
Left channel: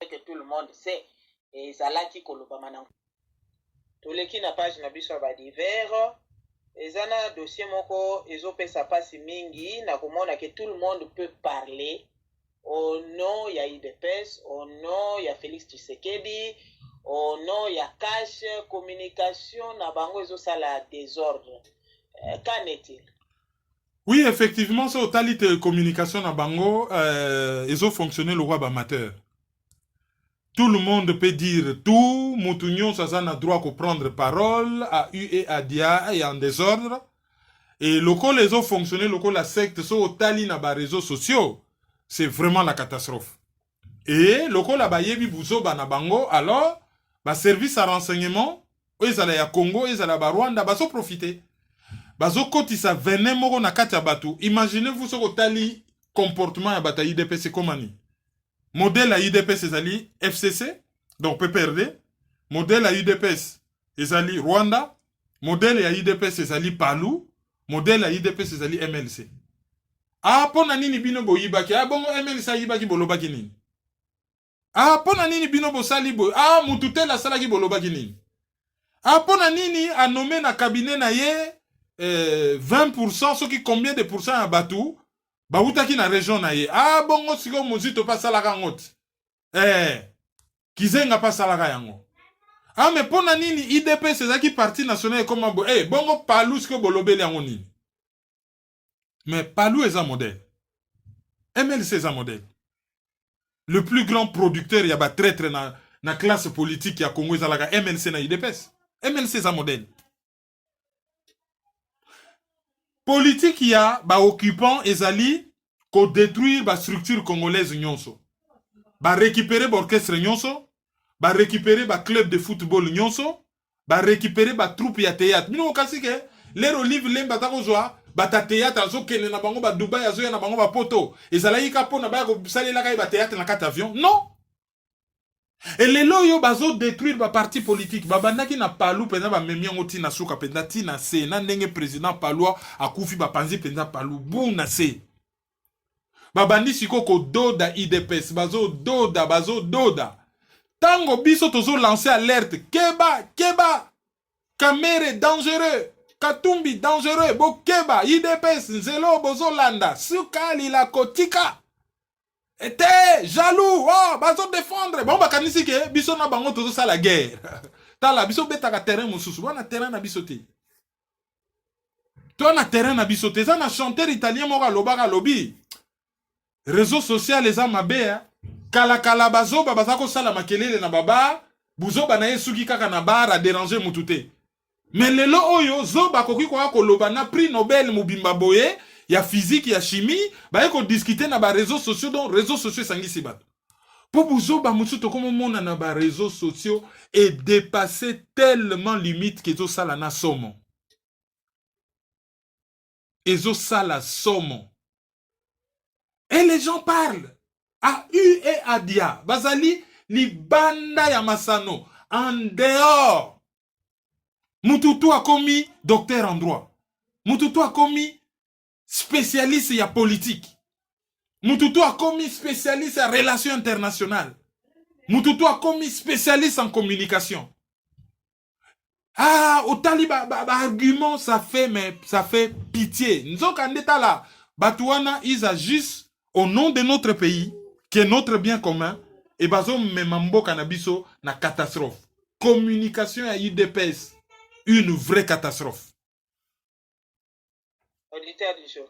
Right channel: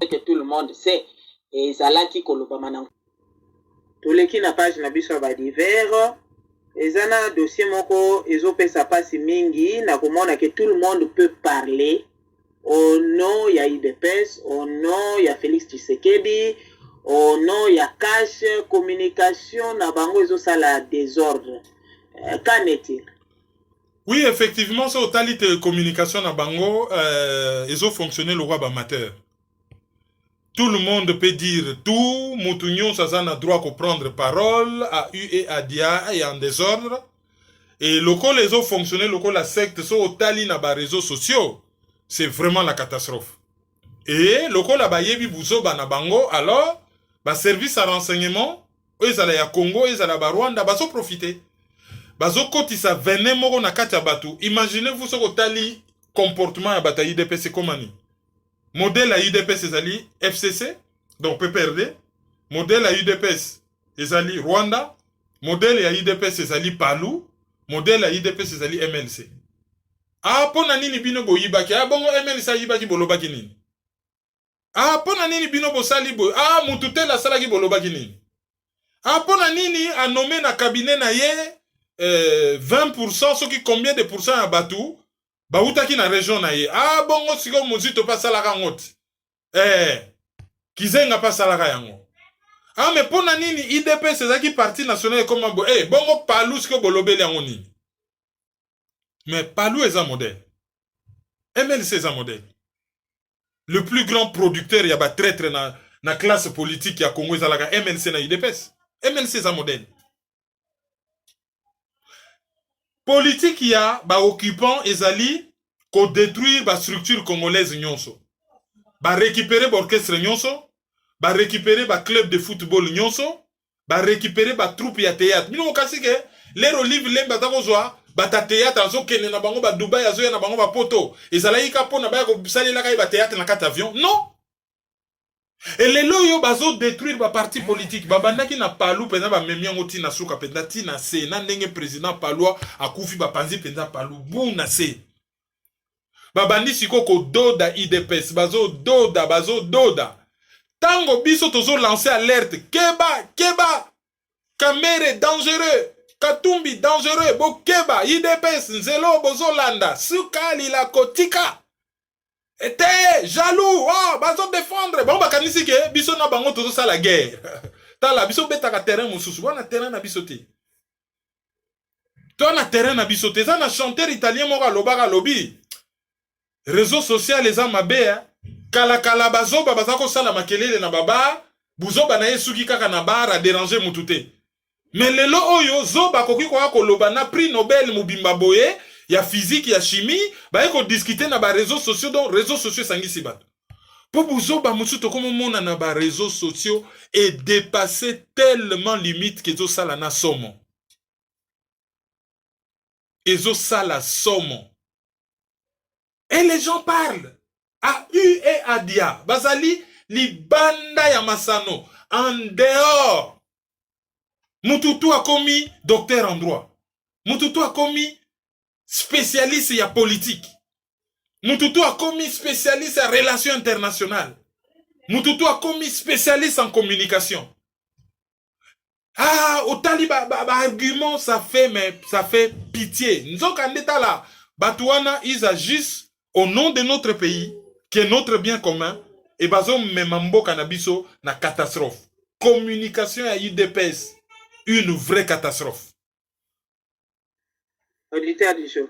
Que tout le monde sait. Et Zalaki Kolobamana. Tous les qui n'a pas na biso ba divers. Et zana dossier moko ezopesa pasi mingi na komona que tout le monde peut parler au nom ya IDPS, au nom ya Félix Tshisekedi, au nom ya cash communication na bango ezosala désordre. Qu'en est-il? Oui, effectivement, c'est au de communication na bango, ils ont fonctionné le roi amateur. Tout le monde peut dire tout, Moutounion, ça a droit de prendre parole, à U et à Dia et en désordre. Et local les autres fonctionnaient, local la secte, sont au tali na ba réseaux sociaux. C'est vraiment la catastrophe. Et local la ba yebi bouzo ba na bango, alors, ba service à renseignement, eux à la Congo, eux à la Rwanda, ba so profiter. Bazo koti sa venin moko na kati ya batu. Imaginez-vous ce tali comportement ya bata IDPS komani. Modèle à UDPS ezali FCC, donc PPRD. Modèle à UDPS ezali Rwanda. Modèle à UDPS ezali Palou. Modèle à UDPS ezali MLC. Ah, pona nini bino bo yibaki? Ah, bongo MLC yibaki bolobaki nini? Ah, pona nini bino bo sali bo? Ah, mutute la salaki bolobaki nini? Ah, pona nini a nommé na cabinet na ye 20%, ce qui combien de pourcents à Batou? Baoutaki na région na ye. Ah, bongo siko muzito pa salaka ngoti. Kizenga pa salaka yango. Ah, mais pona nini IDP c'est parti national comme bo. Bongo Palou siko bolobeli yango nini. Mais Palou est un modèle. MLC est un modèle. Le plus grand producteur y a ba traître na classe politique ya Congo ezalaka MLC na IDPS. MLC est un modèle. Politique ya ba occupant ezali ko détruire ba structure congolaise nyonso. Ba récupérer ba orchestre nyonso, ba récupérer ba club de football nyonso, ba récupérer ba troupe ya théâtre. Mino kasi ke les olive lemba ta kozwa ba ta théâtre azo kene na bango ba Dubai azo ya na bango ba poto. Ezali ka pona ba ko salela ka ba théâtre na kati avion. Non. Et les loyo bazo détruire ba parti politique. Babandaki na Palou pena ba memiango ti na suka pena ti na se na ndenge président Palou akufi ba panzi pena Palou bon na se. Babandi siko ko doda IDPS bazo doda. Tango biso tozo lancer alerte keba Kamere dangereux, Katumbi dangereux, bo keba IDPS nzelo bozolanda sukali la kotika. Était jaloux, oh, bazo défendre. Bon, bakanisi ke, biso na bango tozo sa la guerre. Tala, biso betaka terrain mosusu, wana terrain na biso te. Toi na terrain na biso te, na chanteur italien moko alobaka lobi. Réseau social eza mabe, kala bazo bazako sala makelele na baba, buzo ba na yesuki kaka na bar a déranger mutu te. Mais lelo oyo zo bakoki kwa koloba na prix Nobel mubimba boye. Il y a physique, il y a chimie, bah il faut discuter dans les réseaux sociaux, donc réseaux sociaux sangi si bat. Pour vous ba musu to comme mon na ba réseaux sociaux et dépasser tellement limite que zo sala na somo. Et zo sala somo. Et les gens parlent à U et à Dia. Bazali li banda ya masano en dehors. Mututu a commis docteur en droit. Mututu a commis spécialiste ya politique. Mututu a commis spécialiste en relations internationales. Mututu a commis spécialiste en communication. Ah, au taliba argument, ça fait pitié. Nous sommes là. Batouana, ils agissent au nom de notre pays, qui est notre bien commun, et bazom memambo canabiso na catastrophe. Communication à UDPS, une vraie catastrophe. Auditeur du jour.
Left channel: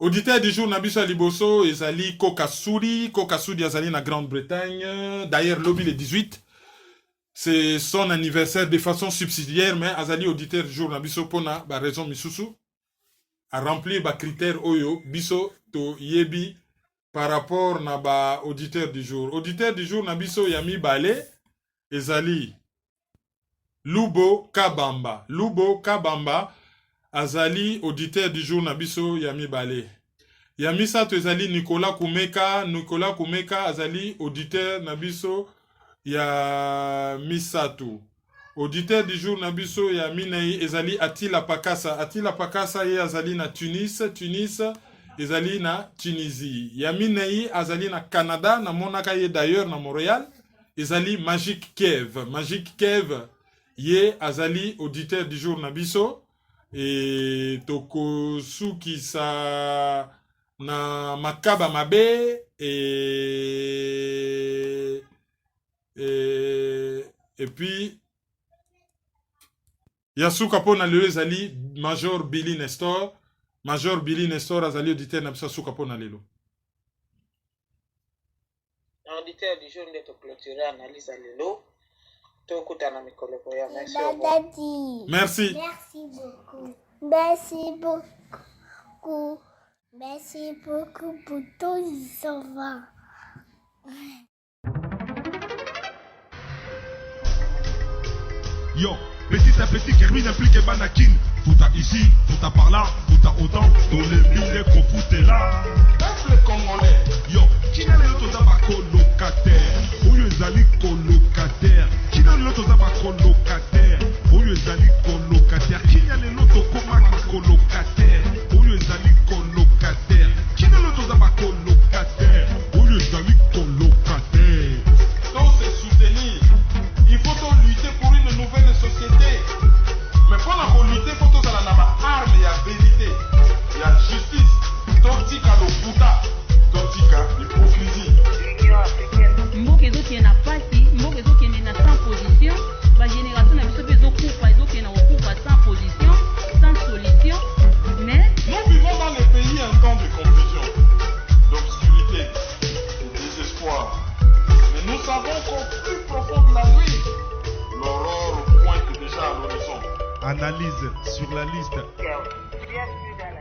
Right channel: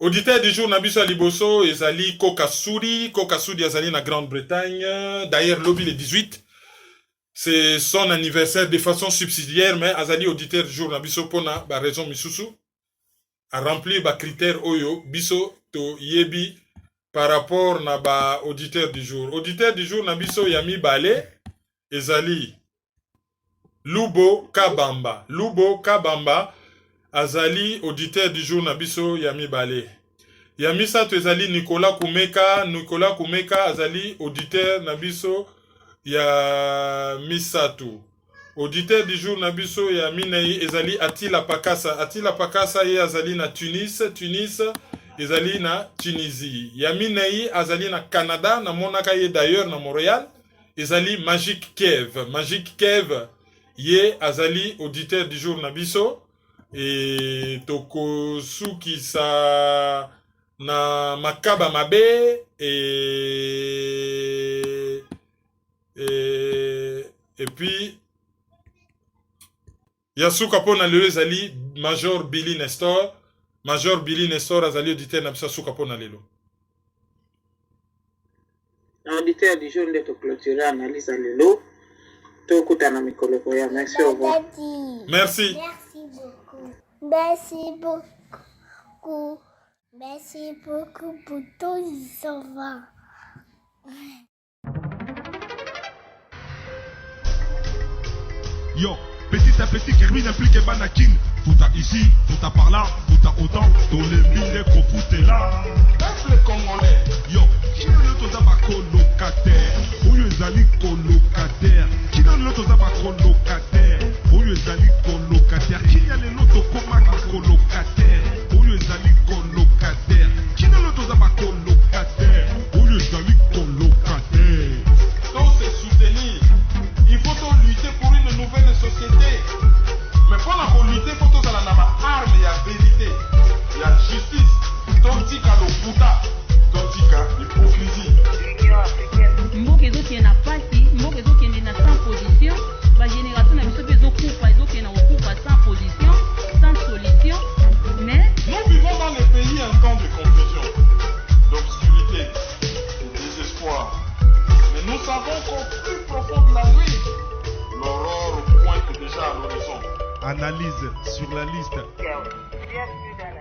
Auditeur du jour, Nabiso Liboso, Ezali Kokasuri Ezali na Grande-Bretagne. D'ailleurs, lobby le 18. C'est son anniversaire de façon subsidiaire, mais Azali auditeur du jour, Nabiso Pona, ba raison Misusu, a rempli ba critère Oyo, Biso to Yebi, par rapport na ba auditeur du jour. Auditeur du jour, Nabiso Yami Bale, Ezali Lubo Kabamba. Azali, auditeur du jour Nabiso Yami Bale. Yami Sato Ezali Nicolas Kumeka, Azali, auditeur Nabiso Yami Sato. Auditeur du jour Nabiso Yami Nayi Ezali Atila Pakasa. Atila Pakasa et Azali na Tunis, ezali na Tunisie. Yaminei azali na Canada, na monaka ye d'ailleurs na Montréal, ezali Magic Kev. Magic Kev ye azali auditeur du jour na biso et toko suki sa na makaba mabe et puis Yasuka pona lelo ezali Major Billy Nestor. Major Billy Nestor azali auditeur na biso suka pona lelo. Auditeur du jour de clôturer analyse lelo. Tokutana mikolo ya merci au revoir. Merci. Merci beaucoup. Merci beaucoup. Merci beaucoup pour tous les enfants. Yo, petit à petit, Kermine implique Banakin. Tout à ici, tout à par là, tout à autant. Dans les milliers qu'on foutait là. Peuple congolais. Yo, qui n'a le tout à colocataire? Où les ali colocataire? Qui n'a le tout à colocataire? Où les ali colocataire? Qui n'a le tout à colocataire? Où les ali colocataire? Qui n'a le tout à colocataire? Où les ali colocataire? Donc c'est soutenir. Il faut donc lutter pour une nouvelle société. Mais pour la lutter, il faut que ça ait arme, il y a vérité, il y a justice. Tontika le Bouddha, Tontika l'hypocrisie. Mboka ezokende na pasi, mboka ezokende na sans position, ba génération na biso ezokufa, ezokende na kokufa sans position, sans solution. Mais nous vivons dans les pays un temps de confusion, d'obscurité, de désespoir. Mais nous savons qu'au plus profond de la nuit, l'aurore pointe déjà à l'horizon. Analyse sur la liste. Bienvenue dans la